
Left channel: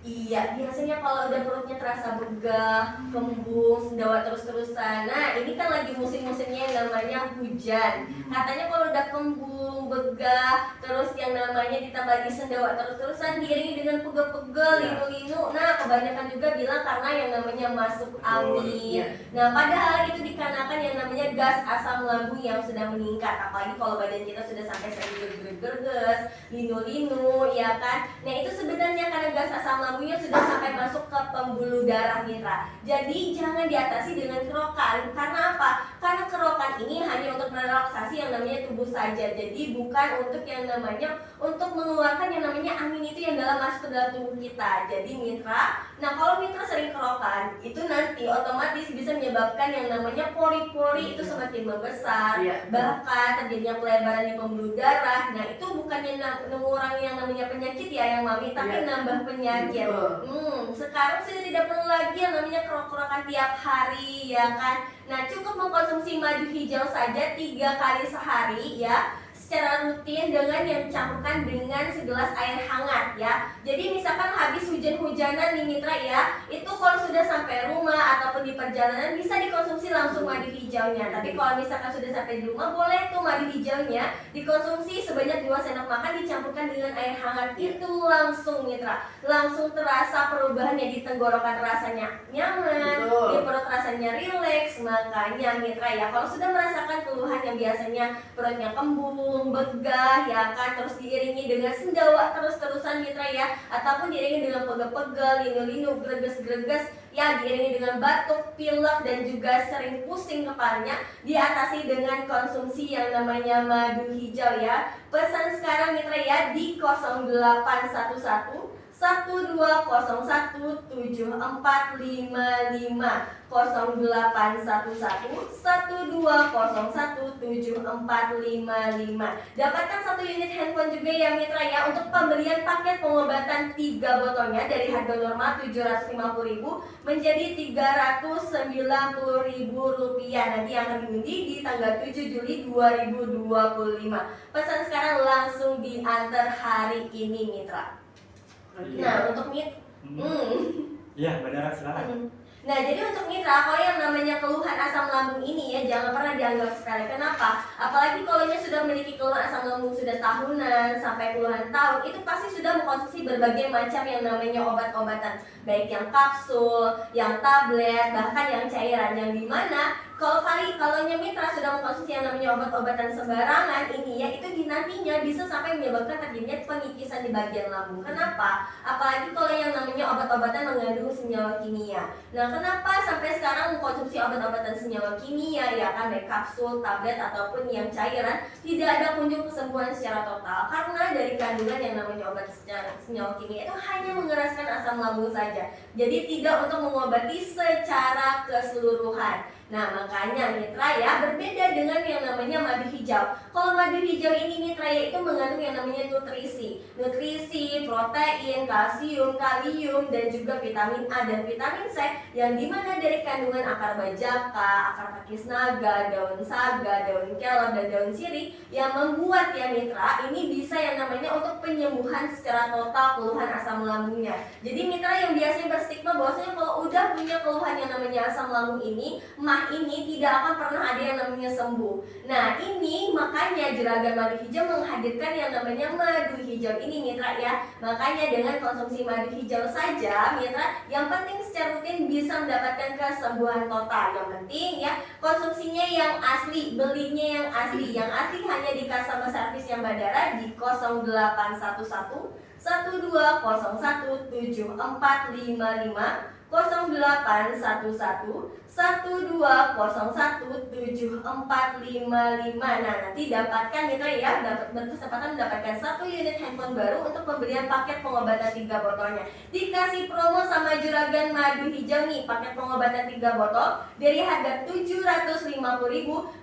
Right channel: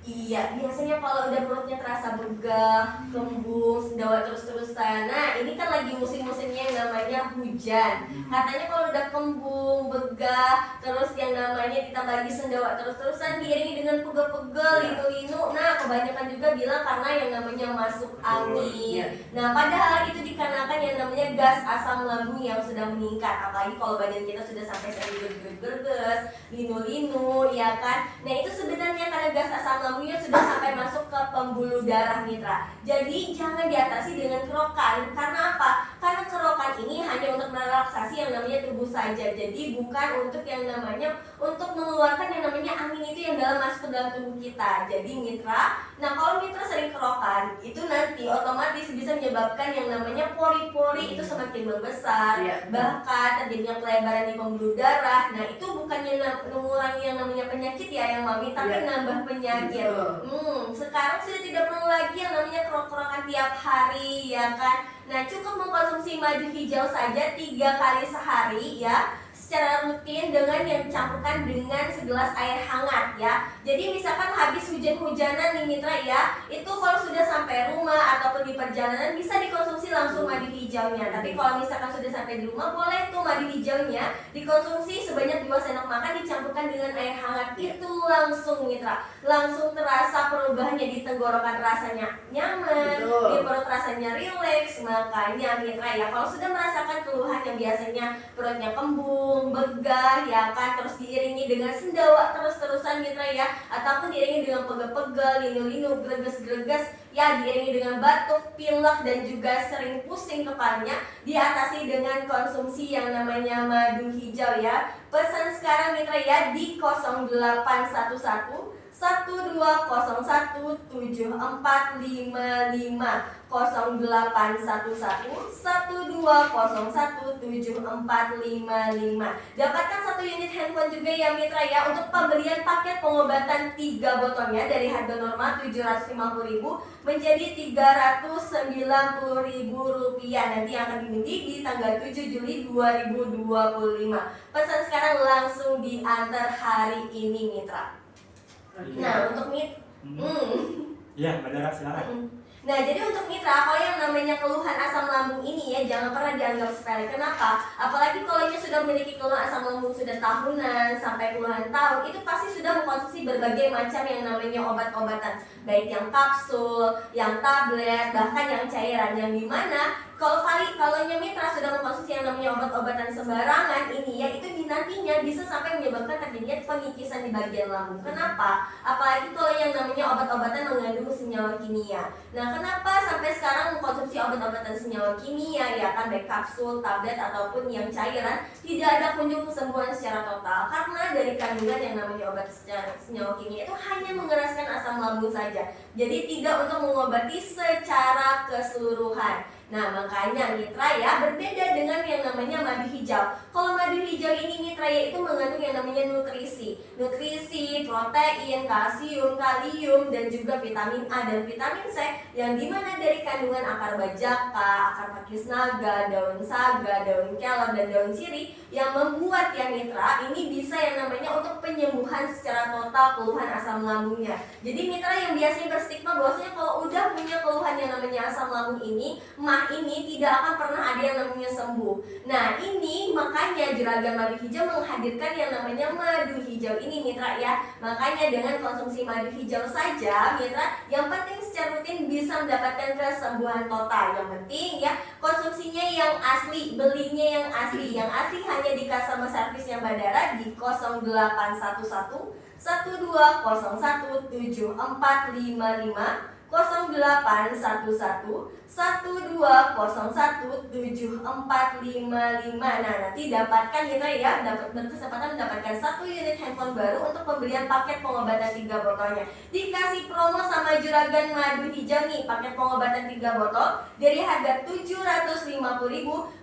Iya, biasanya kalau udah perutnya terasa begah, kembung, sendawa terus-terusan. Nah, ini kan lagi musim-musimnya yang namanya hujan. Katanya kalau udah kembung, begah, terus yang namanya ditambah lagi sendawa terus-terusan diiringi dengan pegel-pegel, linu-linu. Nah, kebanyakan juga bilang karena yang namanya masuk angin. Nah, padahal itu dikarenakan yang namanya gas asam lambung yang sudah meningkat. Apalagi kalau badan kita sudah sampai sering gerges, linu-linu, ya kan? Nah, itu sebenarnya karena gas asam lambungnya sudah sampai masuk ke pembuluh darah Mitra. Jadi jangan diatasi dengan kerokan. Karena apa? Karena kerokan ini hanya untuk merelaksasi yang namanya tubuh saja. Jadi bukan untuk yang namanya untuk mengeluarkan yang namanya angin itu yang masuk ke dalam tubuh kita. Jadi mitra, nah kalau mitra sering kerokan itu nanti otomatis bisa menyebabkan yang namanya pori-pori itu semakin membesar, bahkan terjadinya pelebaran di pembuluh darah. Nah itu bukan yang mengurangi yang namanya penyakit ya yang mami, tapi nambah penyakit. Sekarang sudah tidak perlu lagi yang namanya kerok-kerokan tiap hari ya kan. Nah cukup mengkonsumsi madu hijau saja 3 kali sehari ya, secara rutin dengan yang dicampurkan dengan segelas air hangat ya. Jadi misalkan habis hujan-hujanan nih mitra ya, itu kalau sudah sampai rumah ataupun di perjalanan bisa dikonsumsi langsung madu hijaunya. Tapi kalau misalkan sudah sampai di rumah, boleh tuh madu hijaunya dikonsumsi sebanyak 2 sendok makan dicampurkan dengan air hangat. Itu langsung mitra, langsung terasa perubahannya di tenggorokan, rasanya nyaman, di perut rasanya rileks. Makanya mitra ya, kalau sudah merasakan keluhan yang biasanya perutnya kembung, begah ya kan, terus diiringi dengan sendawa terus-terusan mitra ya, ataupun diiringi dengan pegel-pegel, linu-linu, greges-greges ya, diiringi dengan batuk, pilek dan juga sering pusing kepalanya, diatasi dengan konsumsi yang namanya madu hijau ya. Pesan sekarang mitra ya di 0811 1201 7455, 0811 1201 7455. Dapatkan 1 unit handphone juga ya mitra ya, untuk pembelian paket pengobatan 3 botolnya dari harga normal 750.000 menjadi 390.000 rupiah. Nanti akan diundi di tanggal 7 Juli 2025. Pesan sekarang langsung diantar hari ini mitra. Nah untuk Iya, Mbak Dara silakan. Nah jadi untuk mitra, kalau yang namanya keluhan asam lambung ini ya jangan pernah dianggap sepele. Kenapa? Apalagi kalau sudah memiliki keluhan asam lambung sudah tahunan sampai puluhan tahun, itu pasti sudah mengkonsumsi berbagai macam yang namanya obat-obatan, baik yang kapsul, yang tablet, bahkan yang cairan, yang dimana kalau mitra sudah mengkonsumsi yang namanya obat-obatan sembarangan ini ya, itu nantinya bisa sampai menyebabkan terjadinya pengikisan di bagian lambung. Kenapa? Apalagi kalau yang namanya obat-obatan mengandung senyawa kimia. Nah kenapa sampai sekarang mengkonsumsi obat-obatan senyawa kimia ya kan, baik kapsul, tablet ataupun yang cairan, tidak ada kunjung kesembuhan secara total? Karena dari kandungan yang namanya obat senyawa kimia itu hanya mengeraskan asam lambung saja, jadi tidak untuk mengobati secara keseluruhan. Nah makanya mitra ya, berbeda dengan yang namanya madu hijau. Kalau madu hijau ini mitra ya, itu mengandung yang namanya nutrisi, protein, kalsium, kalium, dan juga vitamin A dan vitamin C, yang dimana dari kandungan akar bajaka, akar pakis naga, daun saga, daun kelor, dan daun sirih, yang membuat ya mitra ini bisa yang namanya untuk penyembuhan secara total keluhan asam lambungnya. Jadi mitra yang biasanya berstigma bahwasanya kalau udah punya keluhan yang namanya asam lambung ini, ini tidak akan pernah ada yang namanya sembuh. Nah ini makanya Juragan Madu Hijau menghadirkan yang namanya madu hijau ini mitra ya. Makanya dengan konsumsi madu hijau saja mitra, yang penting secara rutin bisa mendapatkan kesembuhan total. Yang penting ya konsumsinya yang asli, belinya yang asli. Yang asli hanya di customer service yang Mbak Dara di 0811 1201 7455, 0811 1201 7455. Nah nanti dapatkan mitra ya, berkesempatan mendapatkan 1 unit handphone baru untuk pembelian paket pengobatan 3 botolnya. Dikasih promo sama Juragan Madu Hijau nih, paket pengobatan 3 botol dari harga 750.000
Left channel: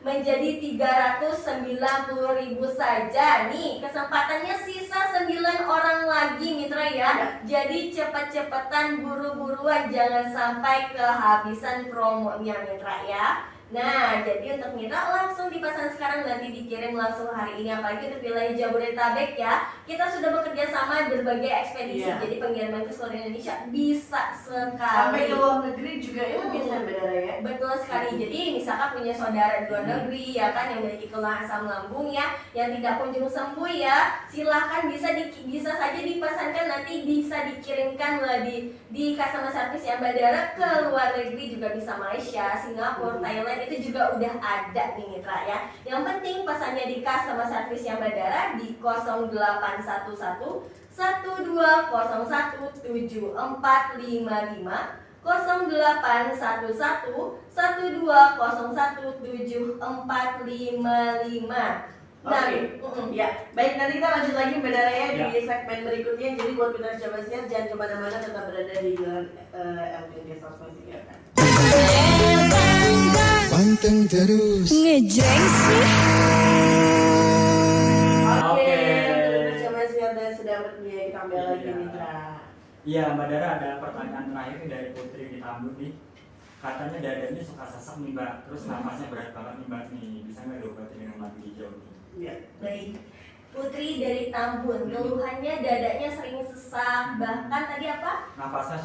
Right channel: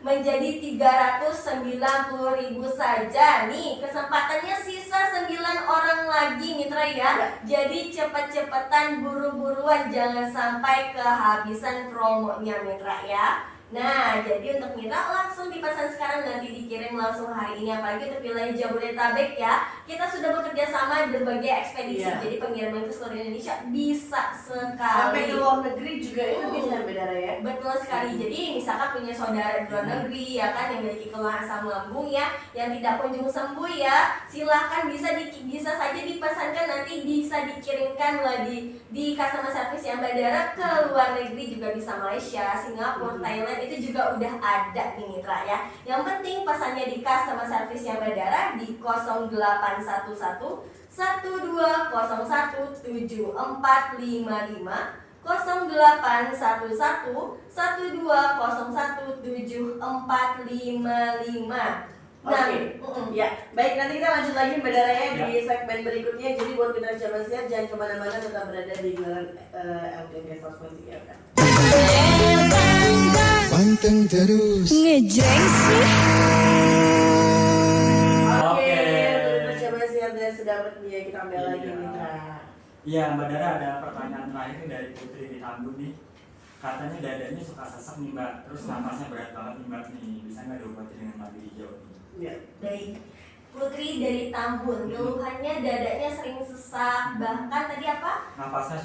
menjadi 390.000 saja. Nih kesempatannya sisa 9 orang lagi mitra ya. Jadi cepet-cepetan, buru-buruan, jangan sampai kehabisan promonya mitra ya. Nah, jadi untuk mitra langsung dipesan sekarang, nanti dikirim langsung hari ini. Apalagi untuk wilayah Jabodetabek ya, kita sudah bekerja sama berbagai ekspedisi. Jadi pengiriman ke seluruh Indonesia bisa sekali. Sampai ke luar negeri juga itu bisa Mbak ya. Betul sekali. Jadi misalkan punya saudara di luar negeri ya kan, yang memiliki keluhan asam lambung ya, yang tidak kunjung sembuh ya, silahkan bisa saja dipesankan, nanti bisa dikirimkan di customer service yang Mbak ke luar negeri, juga bisa Malaysia, Singapura, Thailand, itu juga udah ada nih mitra ya. Yang penting pesannya di customer service yang Badara di 0811 1201 7455, Nah, Ya, baik, nanti kita lanjut lagi Mbak Dara ya Ya. di segmen berikutnya. Jadi buat mitra coba siap, jangan kemana-mana, tetap berada di LKG 100.3 kan. Panteng terus. Ngejreng sih. Oke, Oke. mitra coba siap dan sudah bersedia kita ambil lagi Iya. mitra. Iya, Mbak Dara, ada pertanyaan terakhir nih dari Putri di Tambun nih. Katanya dadanya suka sesak nih Mbak, terus napasnya berat banget nih Mbak nih. Bisa nggak diobati dengan madu hijau nih? Ya. baik. Putri dari Tambun, keluhannya dadanya sering sesak, bahkan tadi apa? Napasnya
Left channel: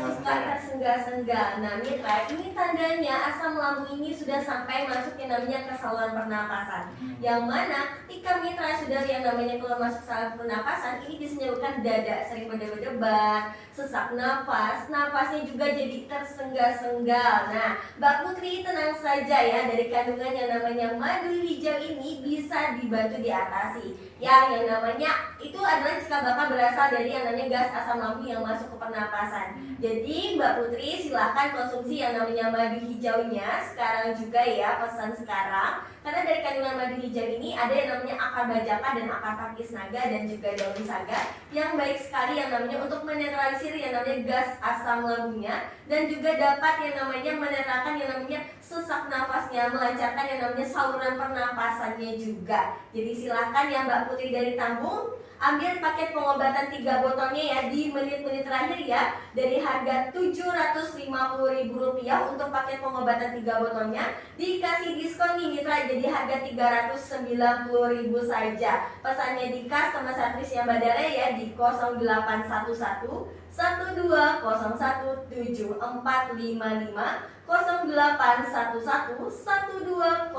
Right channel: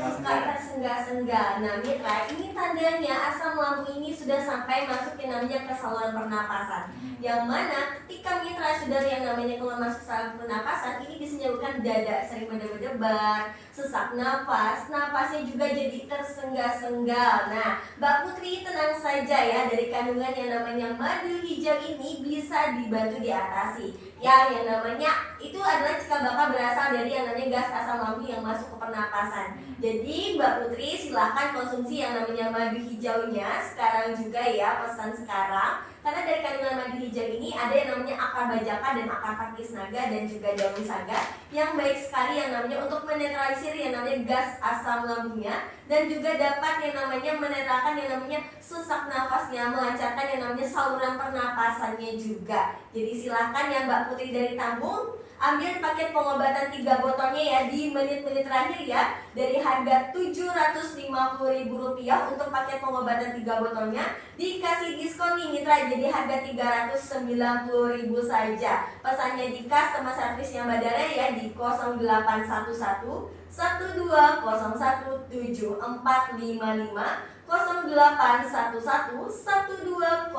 suka Tersenggah-senggah. Nah, mitra, ini tandanya asam lambung ini sudah sampai masuk yang namanya ke saluran pernapasan. Yang mana ketika mitra sudah yang namanya keluar masuk saluran pernapasan, ini bisa menyebabkan dada sering berdebar-debar, sesak napasnya juga jadi tersenggah-senggah. Nah, Mbak Putri tenang saja ya, dari kandungan yang namanya madu hijau ini bisa dibantu diatasi. Ya, yang namanya itu adalah jika Bapak berasal dari yang namanya gas asam lambung yang masuk ke pernapasan. Jadi Mbak Putri silahkan konsumsi yang namanya madu hijaunya sekarang juga ya, pesan sekarang. Karena dari kandungan madu hijau ini ada yang namanya akar bajaka dan akar pakis naga dan juga daun saga yang baik sekali yang namanya untuk menetralisir yang namanya gas asam lambungnya, dan juga dapat yang namanya menetralkan yang namanya sesak nafasnya, melancarkan yang namanya saluran pernapasannya juga. Jadi silahkan ya Mbak Putri dari Tambun, ambil paket pengobatan 3 botolnya ya di menit-menit terakhir ya, dari harga Rp750.000 untuk paket pengobatan 3 botolnya dikasih diskon nih mitra, jadi harga Rp390.000 saja. Pesannya di customer service yang Mbak Dara ya di 0811 12017455, 0811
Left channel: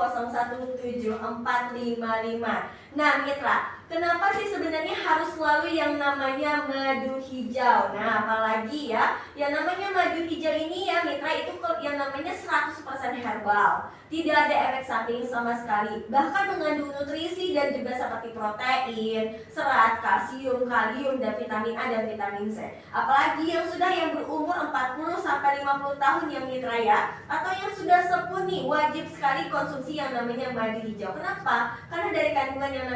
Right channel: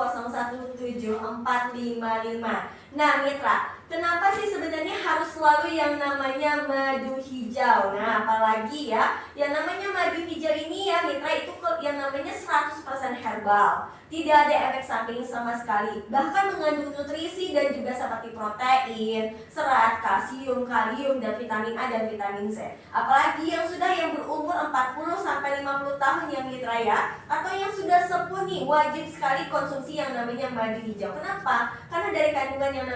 Nah mitra, kenapa sih sebenarnya harus selalu yang namanya madu hijau? Nah apalagi ya, yang namanya madu hijau ini ya mitra, itu yang namanya 100% herbal, tidak ada efek samping sama sekali, bahkan mengandung nutrisi dan juga seperti protein, serat, kalsium, kalium, dan vitamin A dan vitamin C. Apalagi yang sudah yang berumur 40-50 tahun ya mitra ya, atau yang sudah sepuh nih, wajib sekali konsumsi yang namanya madu hijau. Kenapa? Karena dari kandungan yang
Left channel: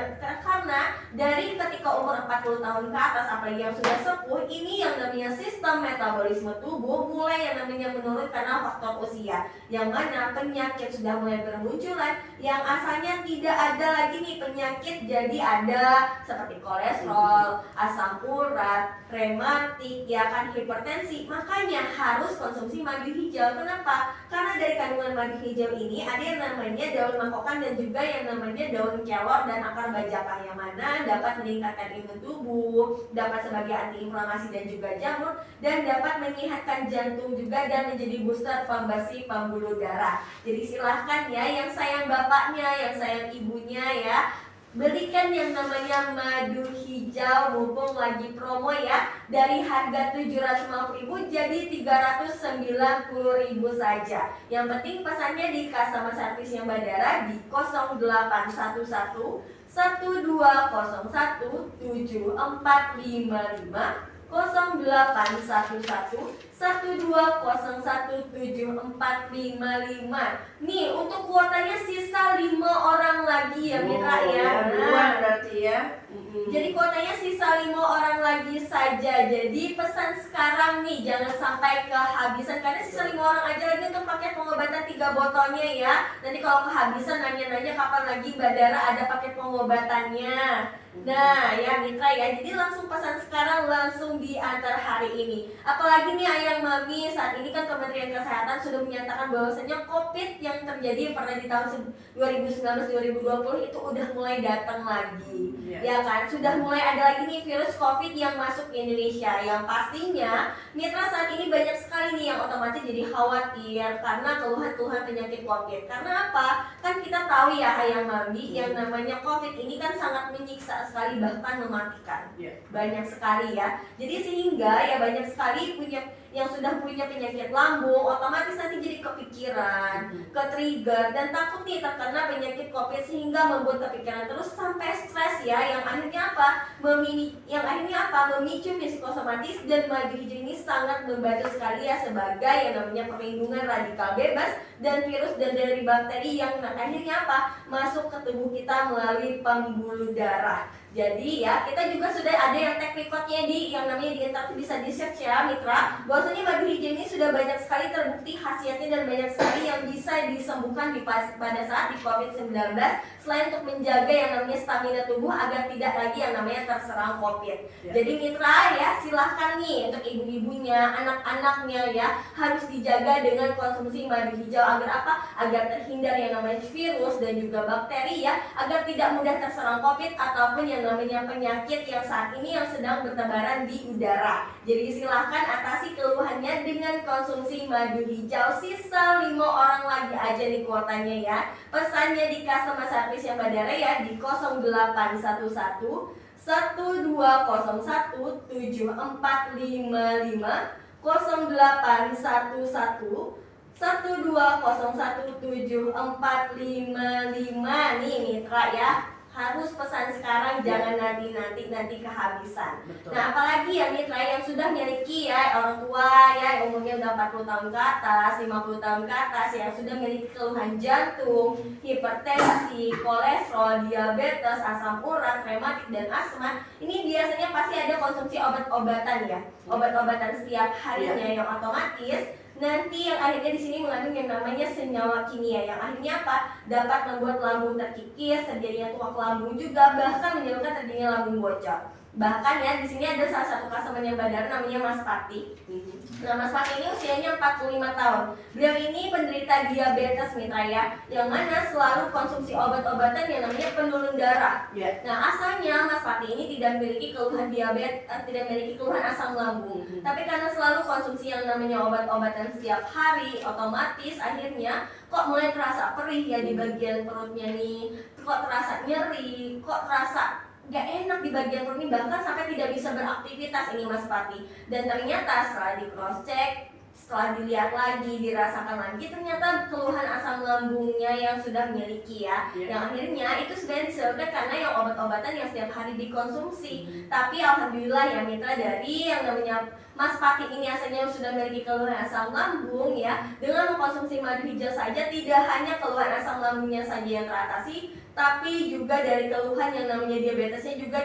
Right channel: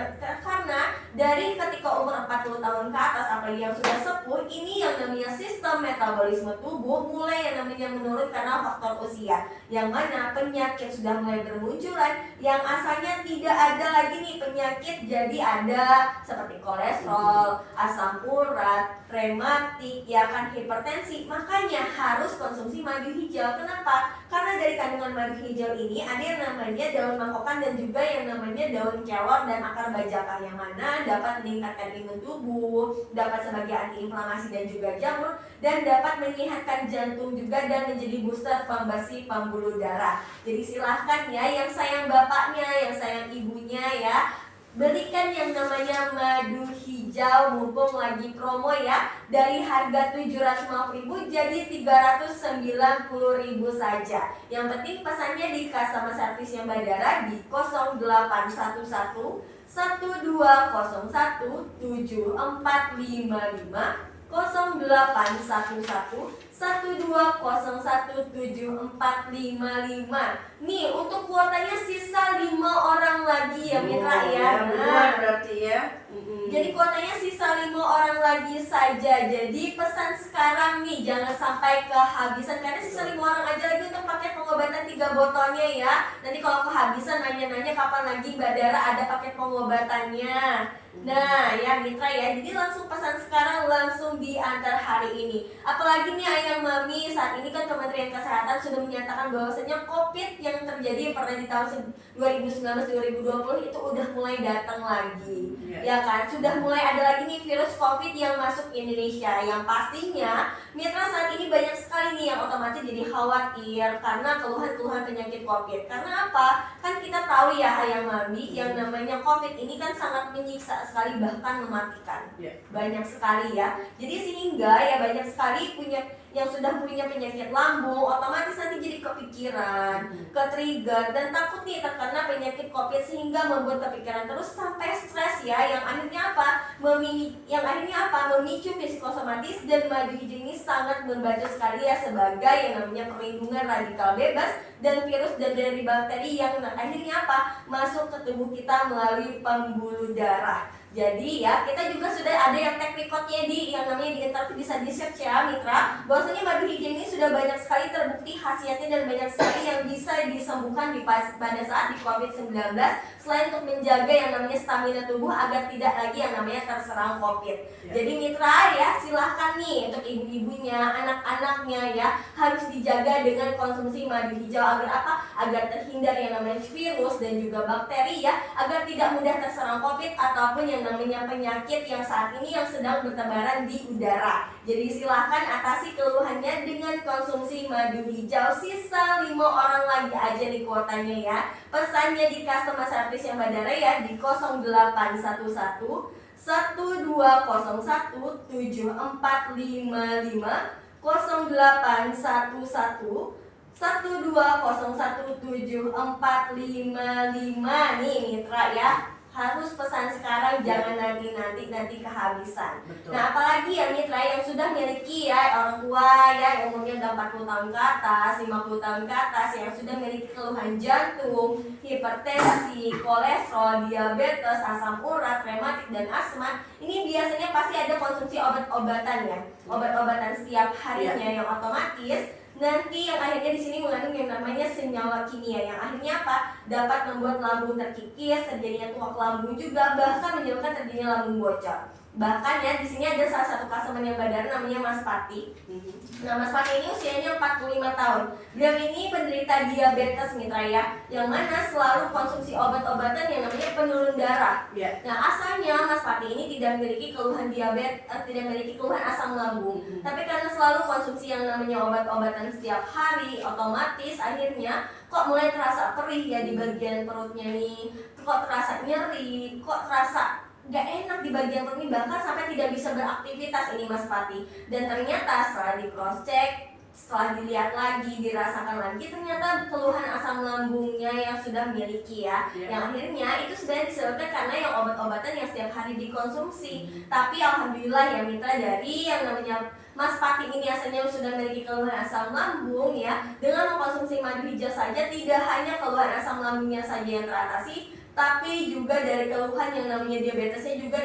dari ketika umur 40 tahun ke atas, apalagi yang sudah sepuh, ini yang namanya sistem metabolisme tubuh mulai yang namanya menurun karena faktor usia, yang mana penyakit sudah mulai bermunculan, yang asalnya tidak ada lagi nih penyakit, jadi ada seperti kolesterol, asam urat, rematik, ya kan, hipertensi. Makanya harus konsumsi madu hijau. Kenapa? Karena dari kandungan madu hijau ini ada yang namanya daun mangkokan dan juga yang namanya daun kelor dan akar bajaka, yang mana dapat meningkatkan imun tubuh, dapat sebagai antiinflamasi dan juga jamur, dan dapat menyehatkan jantung juga dan menjadi booster pembersih pembuluh darah. Jadi silahkan ya yang sayang bapaknya, yang sayang ibunya ya, belikan yang namanya madu hijau mumpung lagi promo ya, dari harga Rp750.000 jadi Rp390.000 saja. Yang penting pesannya di customer service yang Mbak Dara di 0811 12017455, 0811 12017455. Nih untuk kuotanya sisa 5 orang lagi ya mitra ya. Nah, berarti ya. Jadi kuotanya sisa 5 orang lagi saja. Jadi pesan sekarang nih, jangan sampai kehabisan, karena sisa 5 orang aja lagi untuk paket pengobatan 3 botolnya ya. Nanti kalau kehabisan nanya-nanya kapan lagi Mbak Dara ada paket pengobatannya. Nah ya mitra ya, jadi langsung pesan sekarang, langsung diantar hari ini. Apalagi nih ayang mami, saat ini kan Kementerian Kesehatan sudah menyatakan bahwasanya COVID yang terjadi pernah di tahun 2019-2020 itu udah mulai datang lagi. Ya kan, sudah mulai ada lagi nih virus COVID yang masuk ke Indonesia, yang pastinya mitra saat ini banyak sekali nih yang otomatis jadi khawatir karena keluhan-keluhan penyakit COVID. Karena apa? Kan kita tahu ya ayang mami, yang namanya COVID ini kan sangat menyiksa sekali, bahkan mematikan. Banyak sekali ya. Jadi sehingga ya banyak sekali yang sudah punya penyakit lambung otomatis nanti jadi kepikiran, ke-trigger dan takut nih terkena penyakit COVID, sehingga membuat kepikiran terus sampai stres ya, yang akhirnya memicu psikosomatis, dan madu hijau ini sangat membantu sekali ya sebagai yang namanya perlindungan radikal bebas dan virus dan dari bakteri yang akhirnya masuk ke tubuh kita melalui pembuluh darah. Jadi ya, kita juga sudah ada yang track recordnya yang namanya di internet, bisa di search ya mitra, bahwasanya madu hijau ini sudah banyak sekali terbukti khasiatnya dan banyak sekali yang bisa disembuhkan pada saat di COVID-19, selain untuk menjaga yang namanya stamina tubuh agar tidak lagi yang namanya terserang COVID. Jadi mitra ya, silahkan nih untuk ibu-ibunya, anak-anaknya ya, harus dijaga dengan konsumsi madu hijau agar agar terhindar yang namanya virus dan juga bakteri ya, agar tidak mudah terserang COVID ataupun yang namanya penyakit yang saat ini yang sedang bertebaran di udara. Jadi silahkan atasi keluhannya dengan konsumsi madu hijau. Sisa 5 orang lagi aja nih kuotanya ya. Pesannya di customer service yang Badara ya di 0811 1201 7455, 0811 12017455 nih mitra ya. Harus pesan sekarang, jangan nanti kehabisan. Betul. Nah, apalagi ya mitra yang sudah miliki ya orang tua ya, yang umurnya udah 40 tahun ke atas, 50 tahun ke atas, yang sudah miliki keluhan jantung, hipertensi, kolesterol, diabetes, asam urat, rematik dan asma. Ini biasanya pasti ada konsumsi obat-obatan ya. Obat-obatan setiap harinya yang otomatis nanti yang akhirnya di sini mengandung yang namanya senyawa kimia yang akhirnya dapat membuat lambung terkikis, terjadinya tuak lambung juga, bahkan menyebabkan terjadinya lambung bocor. Bahkan ya di sini ada salah satu customer yang Badara namanya Mas Pati. Nah, Mas Pati ini usianya 45 tahun. Beliau ini penderita diabetes mitra ya, yang mana selalu konsumsi obat-obatan yang namanya penurun darah. Nah, asalnya Mas Pati ini tidak memiliki keluhan diabetes, tidak memiliki keluhan asam lambung. Tapi karena selalu konsumsi yang namanya obat-obatan setiap hari, otomatis akhirnya kok mulai terasa perih ya di bagian perutnya nih, kok terasa nyeri, kok terasa gak enak di bagian perut ini, bahkan sampai tidak bisa beraktivitas ini Mas Pati. Dan ternyata setelah di cross check, setelah dilihat lagi, dirasakan lagi, ternyata keluhan asam lambungnya yang sudah miliki ya, yang akhirnya itu sebenarnya disebabkan karena yang obat-obatan yang setiap hari dikonsumsi. Tapi alhamdulillah ya mitra, dari yang namanya Mas Pati ini asalnya sudah memiliki keluhan asam lambung ya, dengan mengkonsumsi madu hijau saja tidak hanya keluhan asam lambungnya saja yang teratasi, tapi juga dari keluhan yang namanya diabetesnya juga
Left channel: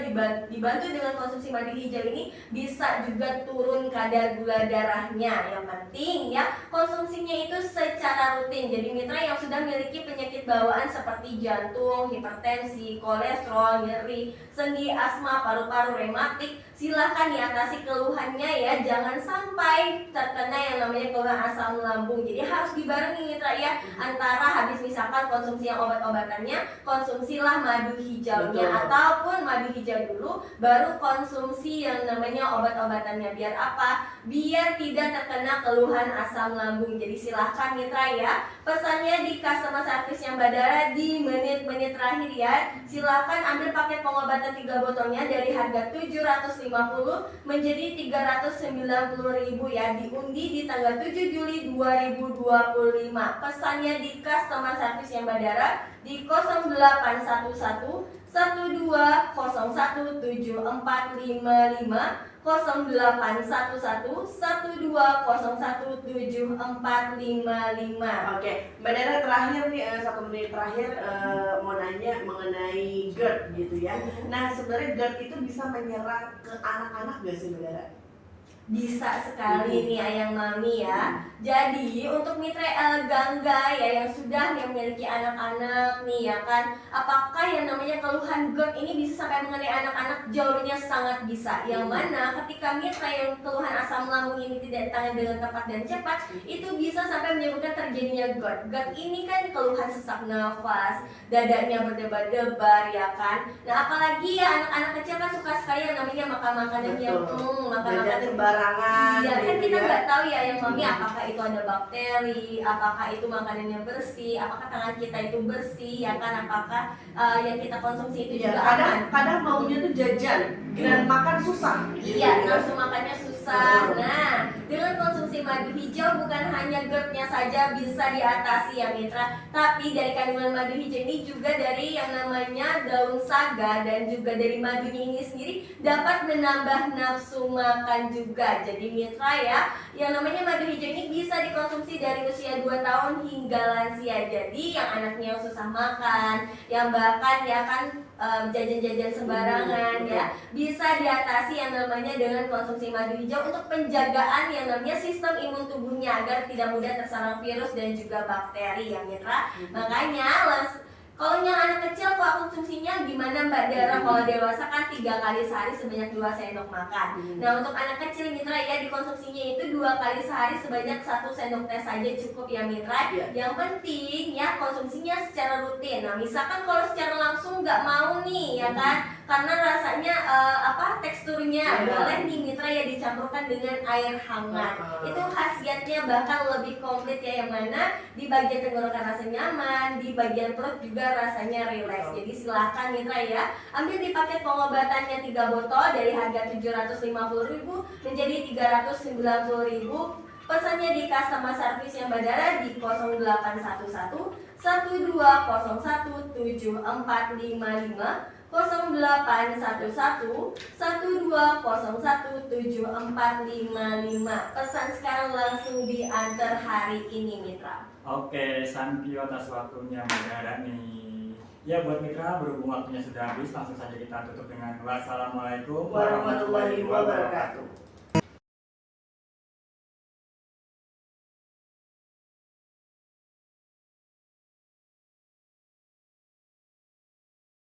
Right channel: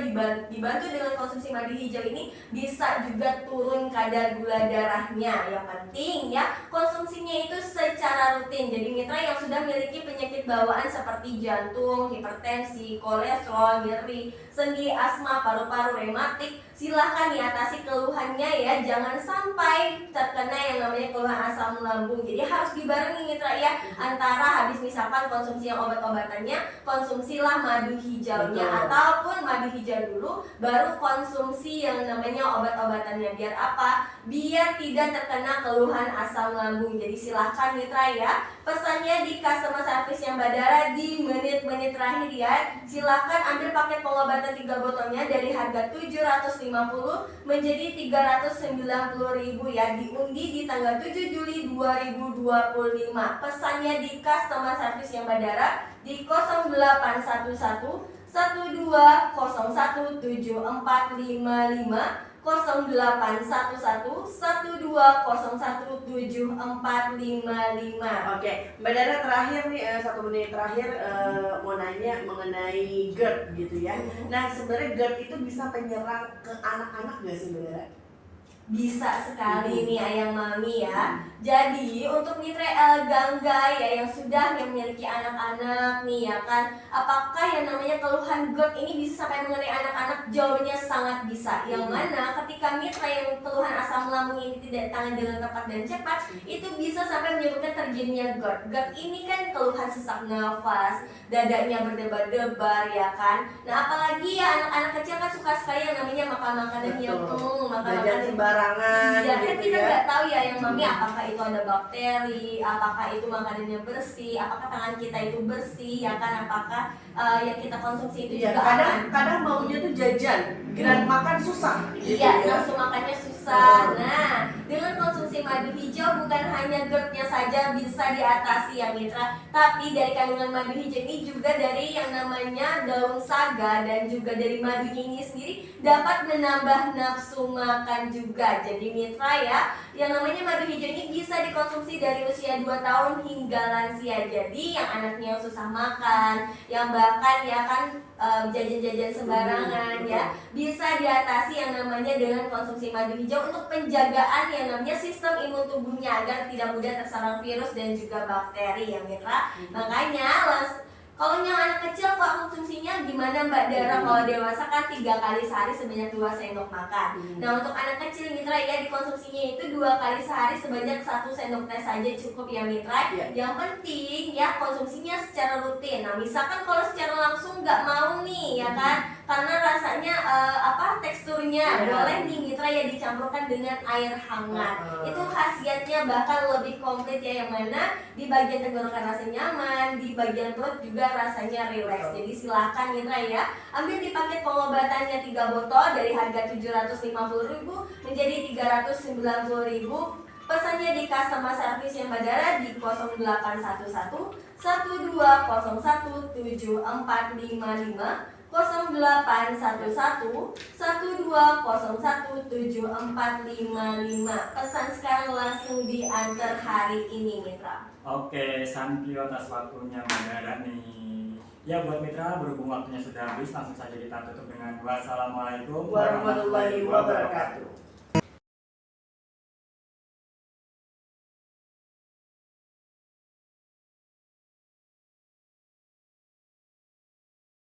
dibantu dengan konsumsi madu hijau ini bisa juga turun kadar gula darahnya. Yang penting ya konsumsinya itu secara rutin. Jadi mitra yang sudah memiliki penyakit bawaan seperti jantung, hipertensi, kolesterol, nyeri, sendi, asma, paru-paru, rematik, silahkan diatasi keluhannya ya, jangan sampai terkena yang namanya keluhan asam lambung. Jadi harus dibarengi mitra ya, antara habis misalkan konsumsi yang obat-obatannya, konsumsilah madu hijaunya. Betul. Ataupun madu hijau dulu baru konsumsi yang namanya obat-obatannya. Biar biar tidak terkena keluhan asam lambung. Jadi silahkan mitra ya, pesannya di customer service yang Badara di menit-menit terakhir ya, silahkan ambil paket pengobatan 3 botolnya dari harga 750 menjadi 390.000 ya, diundi di tanggal 7 Juli 2025. Pesannya di customer service yang Badara di 0811 12017455, 0811 12017455. Oke, Mbak Dara terakhir nih 1 menit terakhir mau nanya mengenai GERD gitu ya. Nah sebenarnya GERD itu bisa menyerang ke anak-anak gak sih Mbak Dara? Bisa sekali nih ayang mami ya. Jadi untuk mitra gangga ya yang sudah memiliki anak-anak nih ya kan, apakah yang namanya keluhan GERD ini bisa sampai mengenai anak-anak? Jawabannya sangat bisa. Yang mana ketika mitra yang keluhan asam lambung ini tidak ditangani dengan tepat dan cepat, itu bisa sampai menyebabkan terjadinya GERD. GERD ini kan keluhan sesak nafas, dadanya berdebar-debar ya kan. Nah apalagi ya anak-anak kecil kan suka sekali yang namanya makan makanan yang jajan sembarangan iya, kan gitu kita ya. nggak tahu ya yang mami apakah itu ada bakteri, apakah itu makanan yang bersih, apakah tangan kita itu bersih ya kan, apakah yang kita konsumsi itu Ya, juga aman. kadang maunya tuh jajan, grand makan susah. Iya, nafsu makannya susah. Nah, dengan konsumsi madu hijau bukan hanya GERD-nya saja bisa diatasi ya mitra, tapi dari kandungan madu hijau ini juga dari yang namanya daun saga dan juga dari madunya ini sendiri dapat menambah nafsu makan juga. Jadi mitra ya, yang namanya madu hijau ini bisa dikonsumsi dari usia 2 tahun hingga lansia. Jadi yang anaknya susah makan, yang bahkan ya kan jajan-jajan sembarangan ya, bisa diatasi yang namanya dengan konsumsi madu hijau untuk penjagaan yang namanya sistem imun tubuhnya agar tidak mudah terserang virus dan juga bakteri ya mitra. Makanya kalau yang anak kecil kok konsumsinya gimana Mbak Dara? Kalau dewasa kan 3 kali sehari sebanyak 2 sendok makan. Nah untuk anak kecil mitra ya dikonsumsinya itu 2 kali sehari sebanyak 1 sendok teh saja cukup ya mitra. Yang penting ya konsumsinya secara rutin. Nah misalkan kalau secara langsung nggak mau nih ya kan, karena rasanya teksturnya boleh nih mitra ya dicampurkan dengan air hangat. Itu khasiatnya bahkan lebih komplit ya, yang mana di bagian tenggorokan rasa nyaman, di bagian perut juga rasanya rileks. Jadi silahkan mitra ya, ambil di paket pengobatannya 3 botol dari harga 750.000 menjadi 390.000. Pesannya di customer service yang Badara di 0811 1201 7455, 0811 1201 7455. Pesan sekarang langsung diantar hari ini mitra. Oke, thank you atas waktunya Mbak Dara nih. Ya buat mitra, berhubung waktunya sudah habis, langsung saja kita tutup dengan wassalamualaikum Warahmatullahi wabarakatuh.